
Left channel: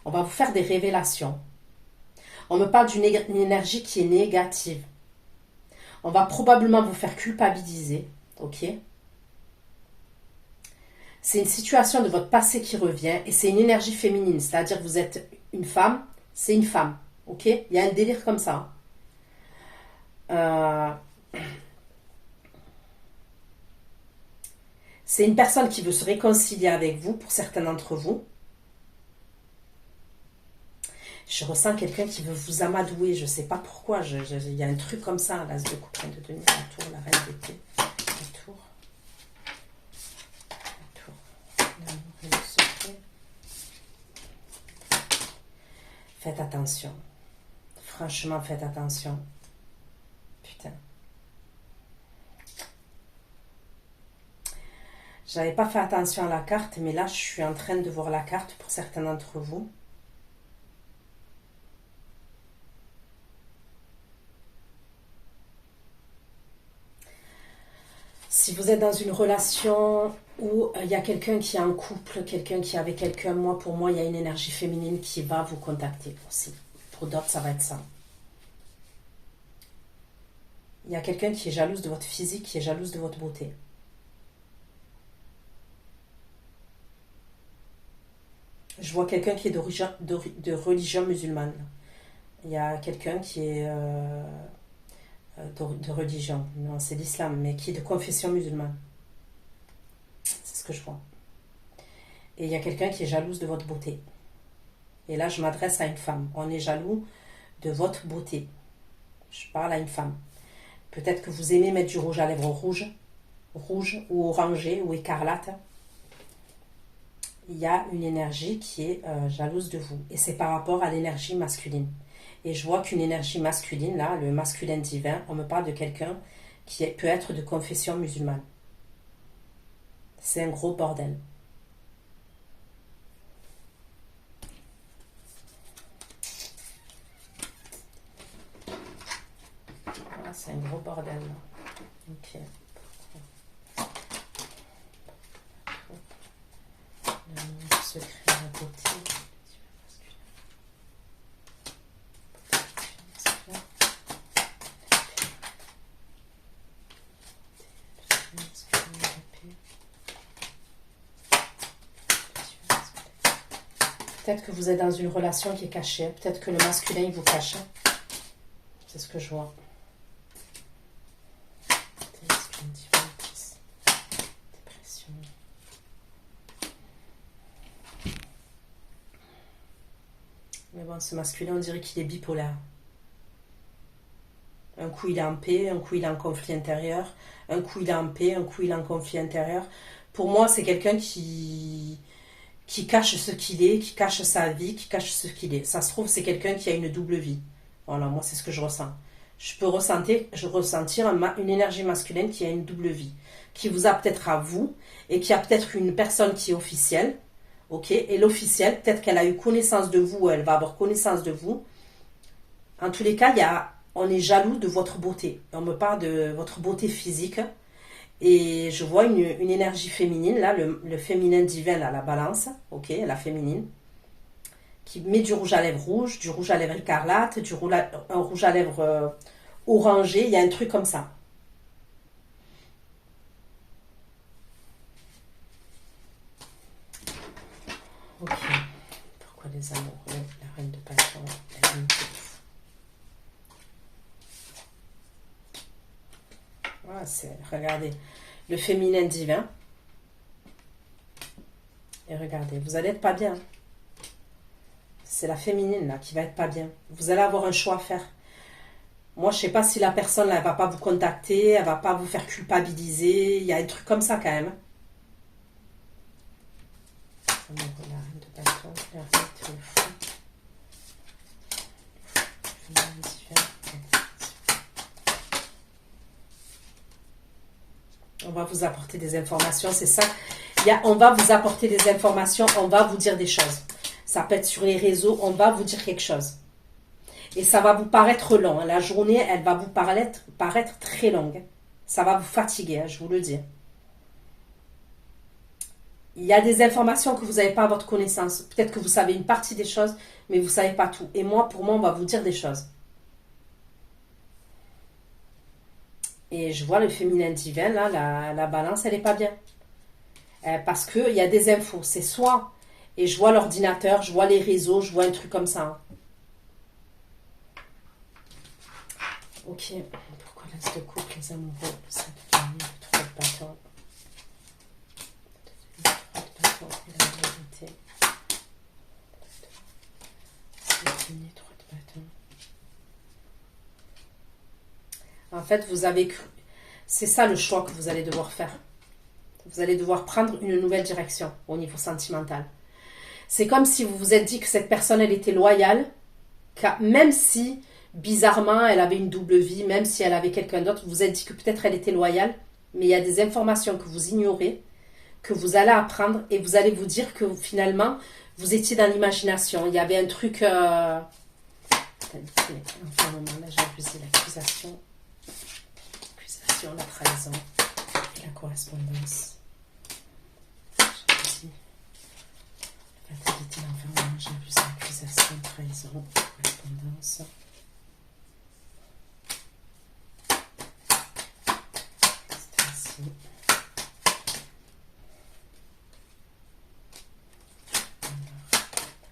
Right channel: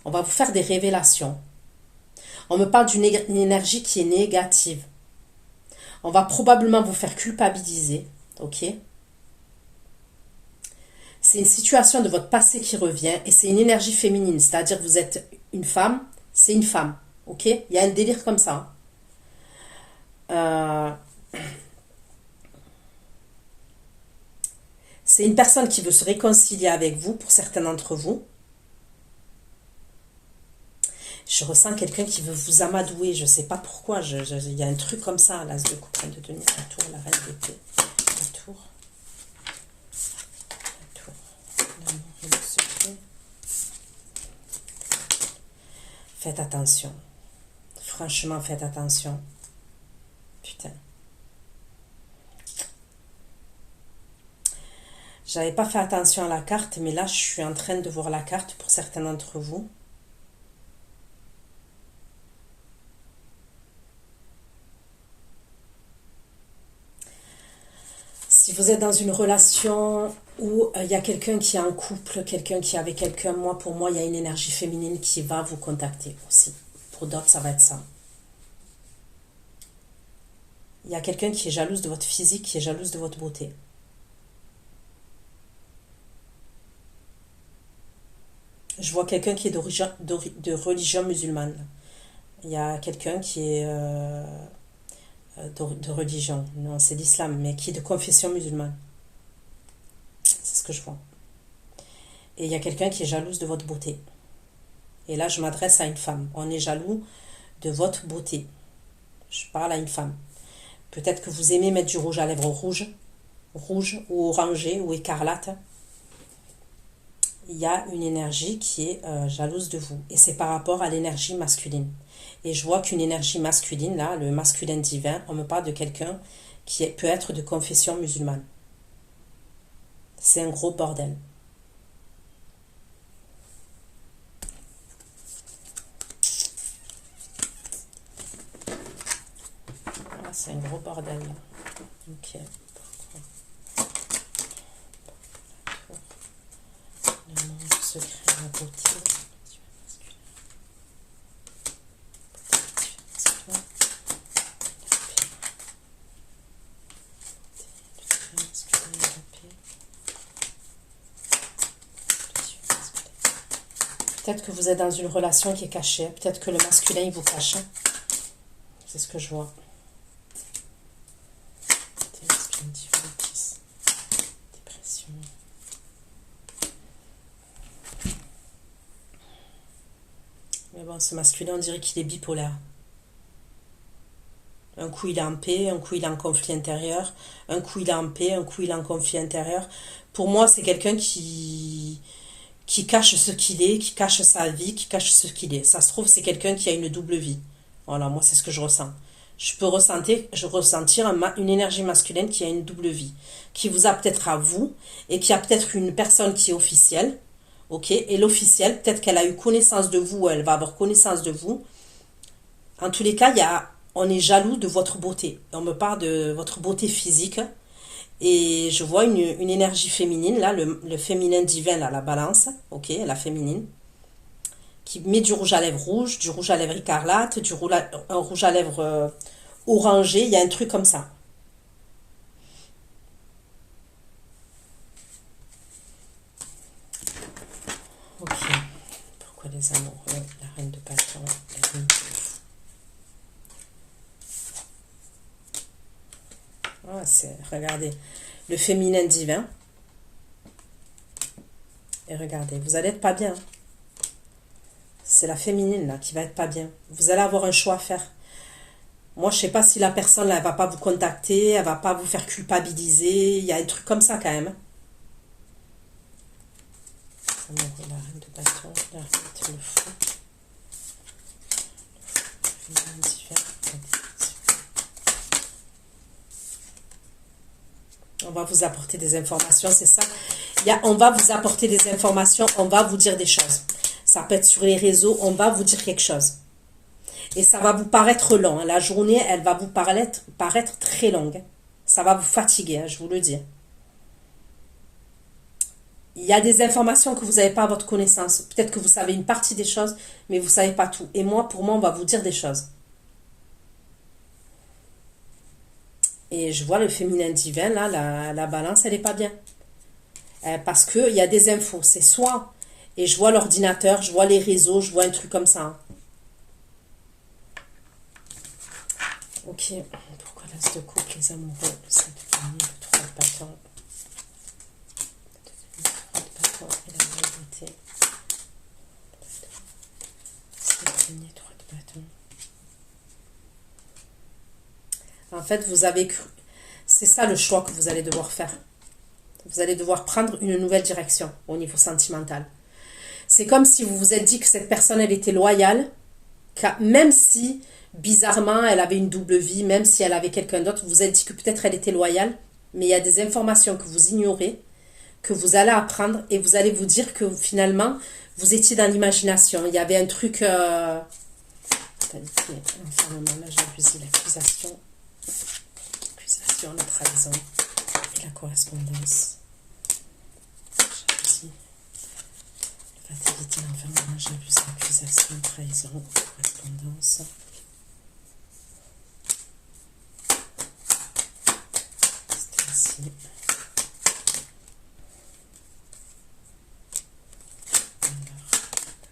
On va vous faire des révélations. On me parle d'une énergie qui est négative. On va probablement vous faire culpabiliser. Ok? C'est une situation de votre passé qui revient et c'est une énergie féminine. C'est-à-dire que vous êtes une femme, c'est une femme. Ok? Il y a un délire comme ça. C'est une personne qui veut se réconcilier avec vous, pour certains d'entre vous. Je ressens quelqu'un qui veut vous amadouer, je ne sais pas pourquoi. Il y a un truc comme ça, l'as de coupe, reine de denier, la tour, la reine d'épée, la tour, la tour, l'amour et le secret. Faites attention. Franchement, faites attention. Putain. J'avais pas fait attention à la carte, mais là, je suis en train de voir la carte pour certains d'entre vous. Si vous êtes dans une relation où il y a quelqu'un qui est en couple, quelqu'un qui est avec quelqu'un, pour moi, il y a une énergie féminine qui va vous contacter aussi. Pour d'autres, ça va être ça. Il y a quelqu'un qui est jalouse de votre physique, qui est jalouse de votre beauté. Je vois quelqu'un qui est de religion musulmane. Il y a quelqu'un qui est de religion, non c'est l'islam, mais qui est de confession musulmane. C'est ce que je vois. Et il y a quelqu'un qui est jalouse de votre beauté. Et là, je m'adresse à une femme. On est jaloux de votre beauté. Je parle à une femme. Peut-être que vous aimez mettre du rouge à lèvres rouge ou orangé ou écarlate. Il y a une énergie qui est jalouse de vous. Et c'est par rapport à l'énergie masculine. Et je vois qu'une énergie masculine, là, le masculin divin, on me parle de quelqu'un qui peut être de confession musulmane. C'est un gros bordel. C'est un gros bordel. Ok. Le secret, la beauté. Peut-être que vous êtes dans une relation qui est cachée. Peut-être que le masculin, il vous cache. C'est ce que je vois. Dépression. Mais bon, ce masculin, on dirait qu'il est bipolaire. Un coup, il est en paix, un coup, il est en conflit intérieur. Un coup, il est en paix, un coup, il est en conflit intérieur. Pour moi, c'est quelqu'un qui cache ce qu'il est, qui cache sa vie, qui cache ce qu'il est. Ça se trouve, c'est quelqu'un qui a une double vie. Voilà, moi, c'est ce que je ressens. Je peux ressentir une énergie masculine qui a une double vie, qui vous a peut-être à vous, et qui a peut-être une personne qui est officielle, ok, et l'officielle, peut-être qu'elle a eu connaissance de vous, elle va avoir connaissance de vous. En tous les cas, on est jaloux de votre beauté. On me parle de votre beauté physique, et je vois une énergie féminine, là, le féminin divin, là, la balance, ok, la féminine, qui met du rouge à lèvres rouge, du rouge à lèvres écarlate, un rouge à lèvres orangé, il y a un truc comme ça. Ok. Pourquoi les amoureux, la reine de bâton, la reine de fou. Regardez, le féminin divin. Et regardez, vous allez être pas bien. C'est la féminine là qui va être pas bien. Vous allez avoir un choix à faire. Moi, je sais pas si la personne là, elle va pas vous contacter, elle va pas vous faire culpabiliser. Il y a un truc comme ça quand même. Ça me dit la reine de bâton, la reine de fou. On va vous apporter des informations, c'est ça. On va vous apporter des informations, on va vous dire des choses. Ça peut être sur les réseaux, on va vous dire quelque chose. Et ça va vous paraître long. La journée, elle va vous paraître très longue. Ça va vous fatiguer, je vous le dis. Il y a des informations que vous n'avez pas à votre connaissance. Peut-être que vous savez une partie des choses, mais vous ne savez pas tout. Et moi, pour moi, on va vous dire des choses. Et je vois le féminin divin, là, la balance, elle n'est pas bien. Parce qu'il y a des infos. C'est soit, et je vois l'ordinateur, je vois les réseaux, je vois un truc comme ça. Ok. Pourquoi l'as de couple, les amoureux, cette famille, le 3 de bâton, le 3 de bâton et la vérité. Cette famille, 3 de bâton. En fait, vous avez cru. C'est ça le choix que vous allez devoir faire. Vous allez devoir prendre une nouvelle direction au niveau sentimental. C'est comme si vous vous êtes dit que cette personne, elle était loyale, même si, bizarrement, elle avait une double vie, même si elle avait quelqu'un d'autre, vous vous êtes dit que peut-être elle était loyale, mais il y a des informations que vous ignorez, que vous allez apprendre, et vous allez vous dire que finalement, vous étiez dans l'imagination. Il y avait un truc... l'accusation, la trahison et la correspondance. La fatalité, l'enfermement, j'abuse, l'accusation, trahison, correspondance. C'était ainsi.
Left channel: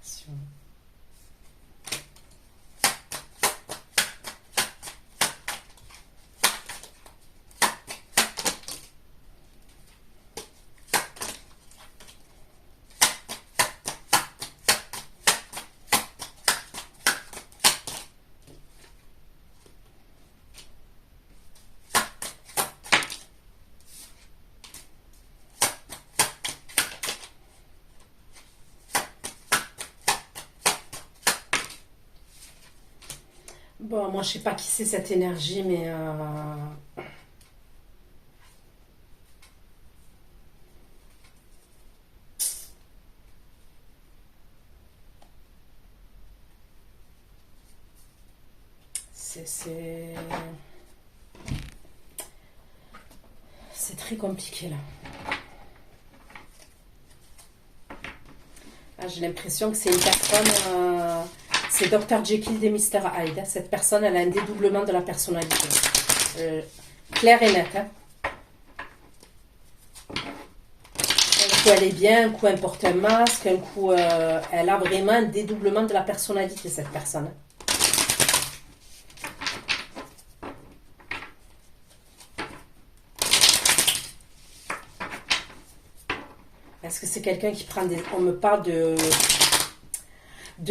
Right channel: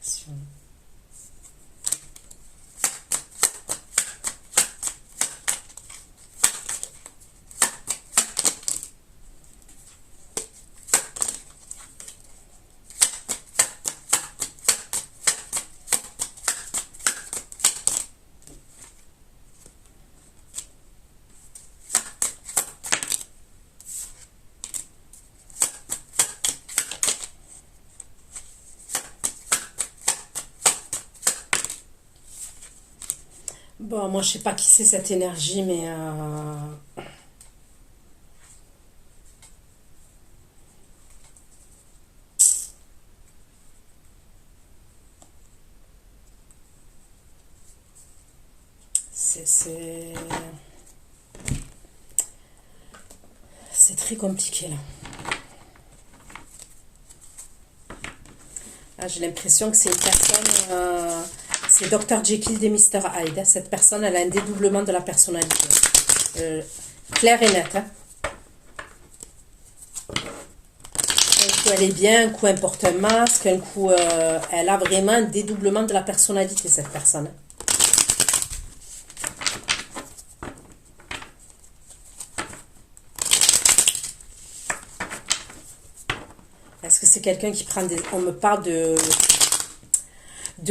Passion. Bon, moi, je sais pas qui c'est cette énergie, mais c'est très compliqué là. Ah, j'ai l'impression que c'est une personne, c'est Dr. Jekyll et Mr. Hyde. Cette personne, elle a un dédoublement de la personnalité. Clair et net. Hein. Un coup, elle est bien, un coup, elle porte un masque, un coup, elle a vraiment un dédoublement de la personnalité, cette personne. Est-ce que c'est quelqu'un qui prend des... On me parle de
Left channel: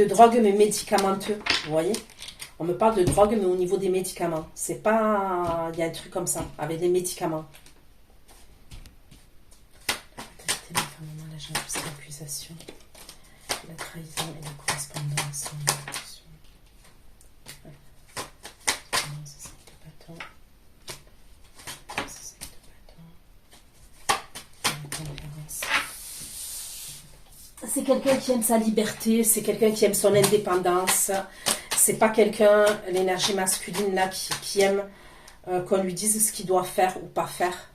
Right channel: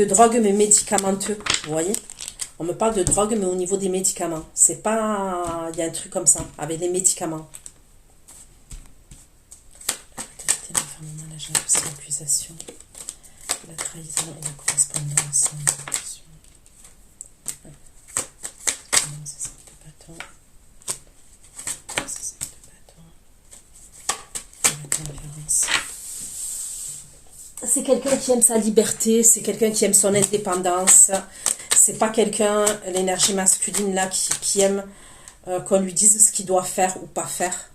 drogue, mais médicamenteux, vous voyez? On me parle de drogue, mais au niveau des médicaments. C'est pas... Il y a un truc comme ça, avec les médicaments. La fatalité, la jalousie, l'accusation, la trahison et la correspondance. C'est quelqu'un qui aime sa liberté, c'est quelqu'un qui aime son indépendance. C'est pas quelqu'un, l'énergie masculine là, qui aime qu'on lui dise ce qu'il doit faire ou pas faire.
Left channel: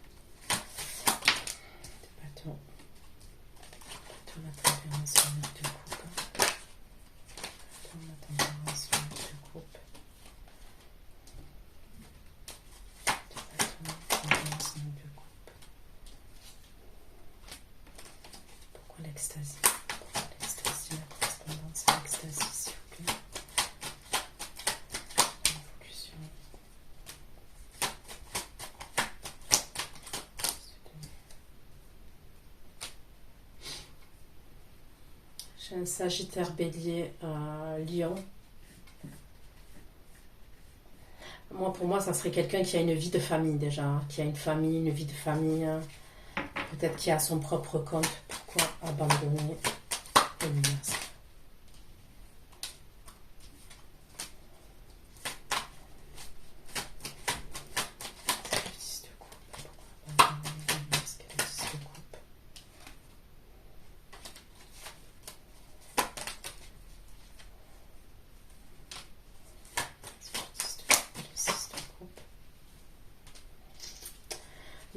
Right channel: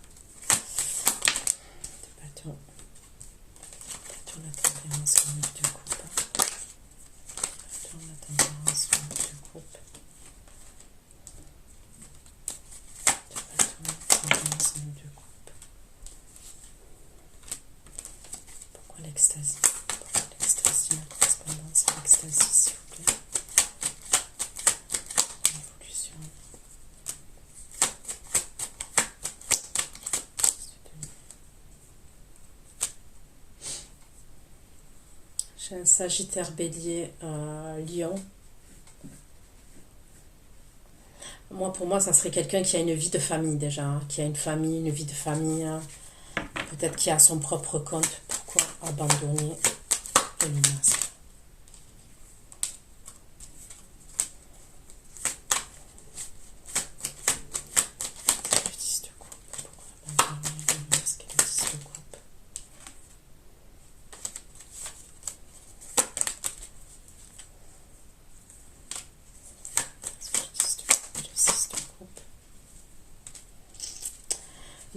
Pourquoi l'extasie? L'extasie, la correspondance, l'extasie, s'il vous plaît. L'évolution. J'ai un Sagittaire Bélier Lion. Moi, pour moi, ça serait quelqu'un qui a une vie de famille déjà, hein, qui a une famille, une vie de famille, hein. Peut-être qui a son propre compte. Pourquoi abandonner le masque?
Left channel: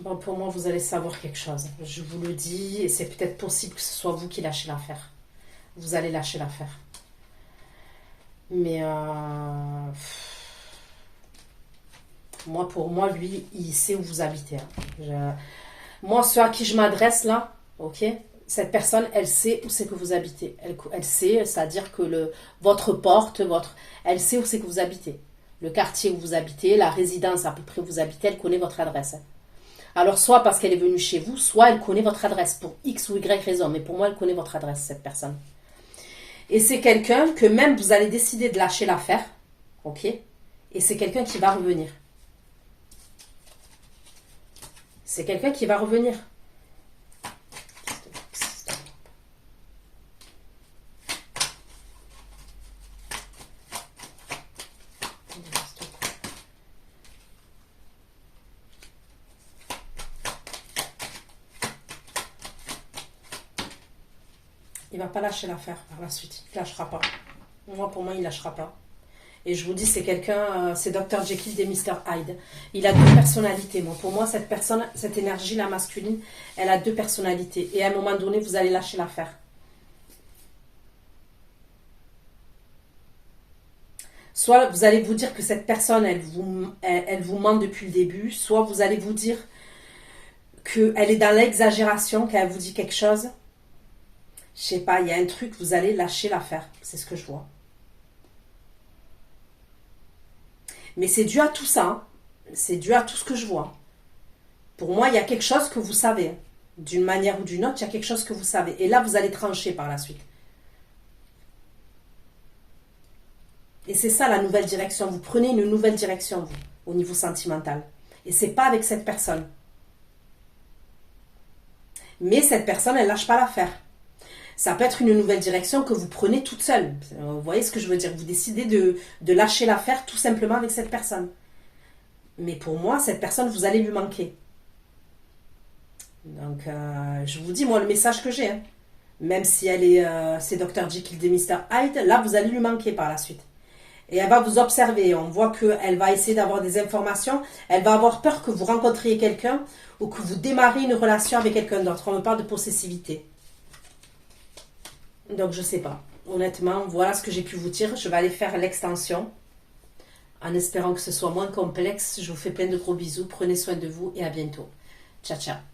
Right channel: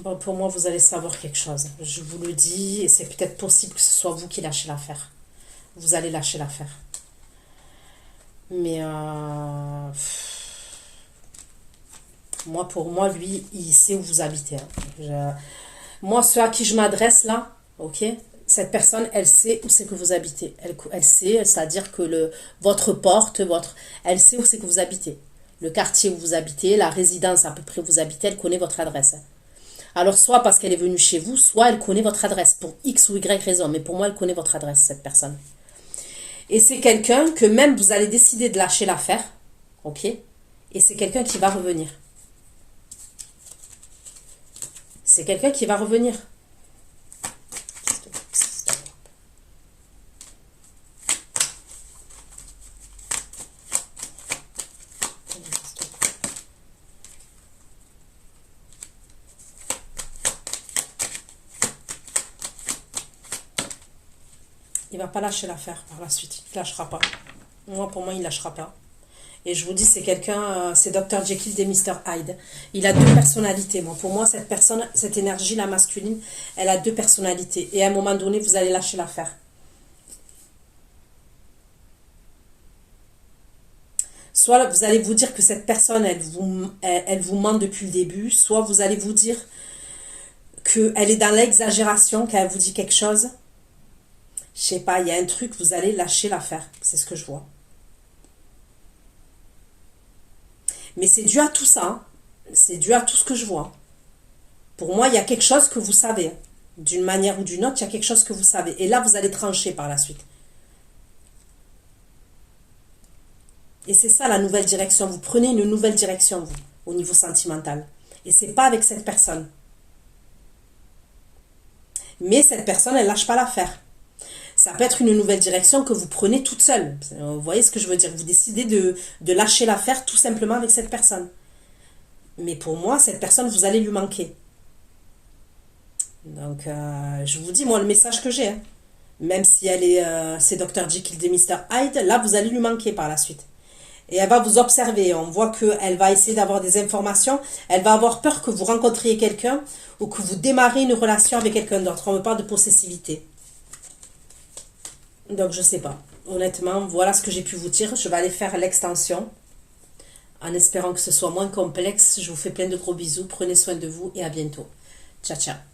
Bon, pour moi, vous allez savoir quelque chose. Je vous le dis, et c'est peut-être possible que ce soit vous qui lâchez l'affaire. Vous allez lâcher l'affaire. Mais moi, pour moi, lui, il sait où vous habitez, hein. Moi, ceux à qui je m'adresse là, ok, cette personne, elle sait où c'est que vous habitez. Elle sait, c'est-à-dire que votre porte, elle sait où c'est que vous habitez. Le quartier où vous habitez, la résidence à peu près où vous habitez, elle connaît votre adresse. Alors, soit parce qu'elle est venue chez vous, soit elle connaît votre adresse pour X ou Y raison. Mais pour moi, elle connaît votre adresse, cette personne. Et c'est quelqu'un que même vous allez décider de lâcher l'affaire, ok? Et c'est quelqu'un qui va revenir. C'est quelqu'un qui va revenir. Il va pas lâcher l'affaire par la suite. Il lâchera pas. Moi, pour moi, il lâchera pas. Et je vous dis, c'est quelqu'un, c'est Dr. Jekyll et Mr. Hyde. Il a deux personnalités. Bon, pour moi, cette personne, cette énergie, la masculine, elle a deux personnalités. Et à un moment donné, vous allez lâcher l'affaire. Soit vous allez vous dire que cette personne, elle vous ment depuis le début. Soit vous allez vous dire qu'elle est dans l'exagération, qu'elle vous dit quelque chose. Je sais pas, il y a un truc, vous allez lâcher l'affaire. C'est ce que je vois. Mais c'est dû à tout ça, hein. C'est dû à tout ce que je vois. Pour moi, il y a quelque chose que vous savez. D'une manière ou d'une autre, il y a quelque chose que vous savez. Et là, vous allez trancher par la suite. Et c'est ça la nouvelle direction. Vous prenez une nouvelle direction, vous, au niveau sentimental. Et c'est pas avec cette personne. Mais cette personne, elle lâche pas l'affaire. Ça peut être une nouvelle direction que vous prenez toute seule. Vous voyez ce que je veux dire? Vous décidez de lâcher l'affaire tout simplement avec cette personne. Mais pour moi, cette personne, vous allez lui manquer. Donc, je vous dis, moi, le message que j'ai, hein. Même si c'est Dr. Jekyll et Mr. Hyde, là, vous allez lui manquer par la suite. Et elle va vous observer. On voit qu'elle va essayer d'avoir des informations. Elle va avoir peur que vous rencontriez quelqu'un ou que vous démarrez une relation avec quelqu'un d'autre. On me parle de possessivité. Donc, je sais pas. Honnêtement, voilà ce que j'ai pu vous dire. Je vais aller faire l'extension. En espérant que ce soit moins complexe. Je vous fais plein de gros bisous. Prenez soin de vous et à bientôt. Ciao, ciao.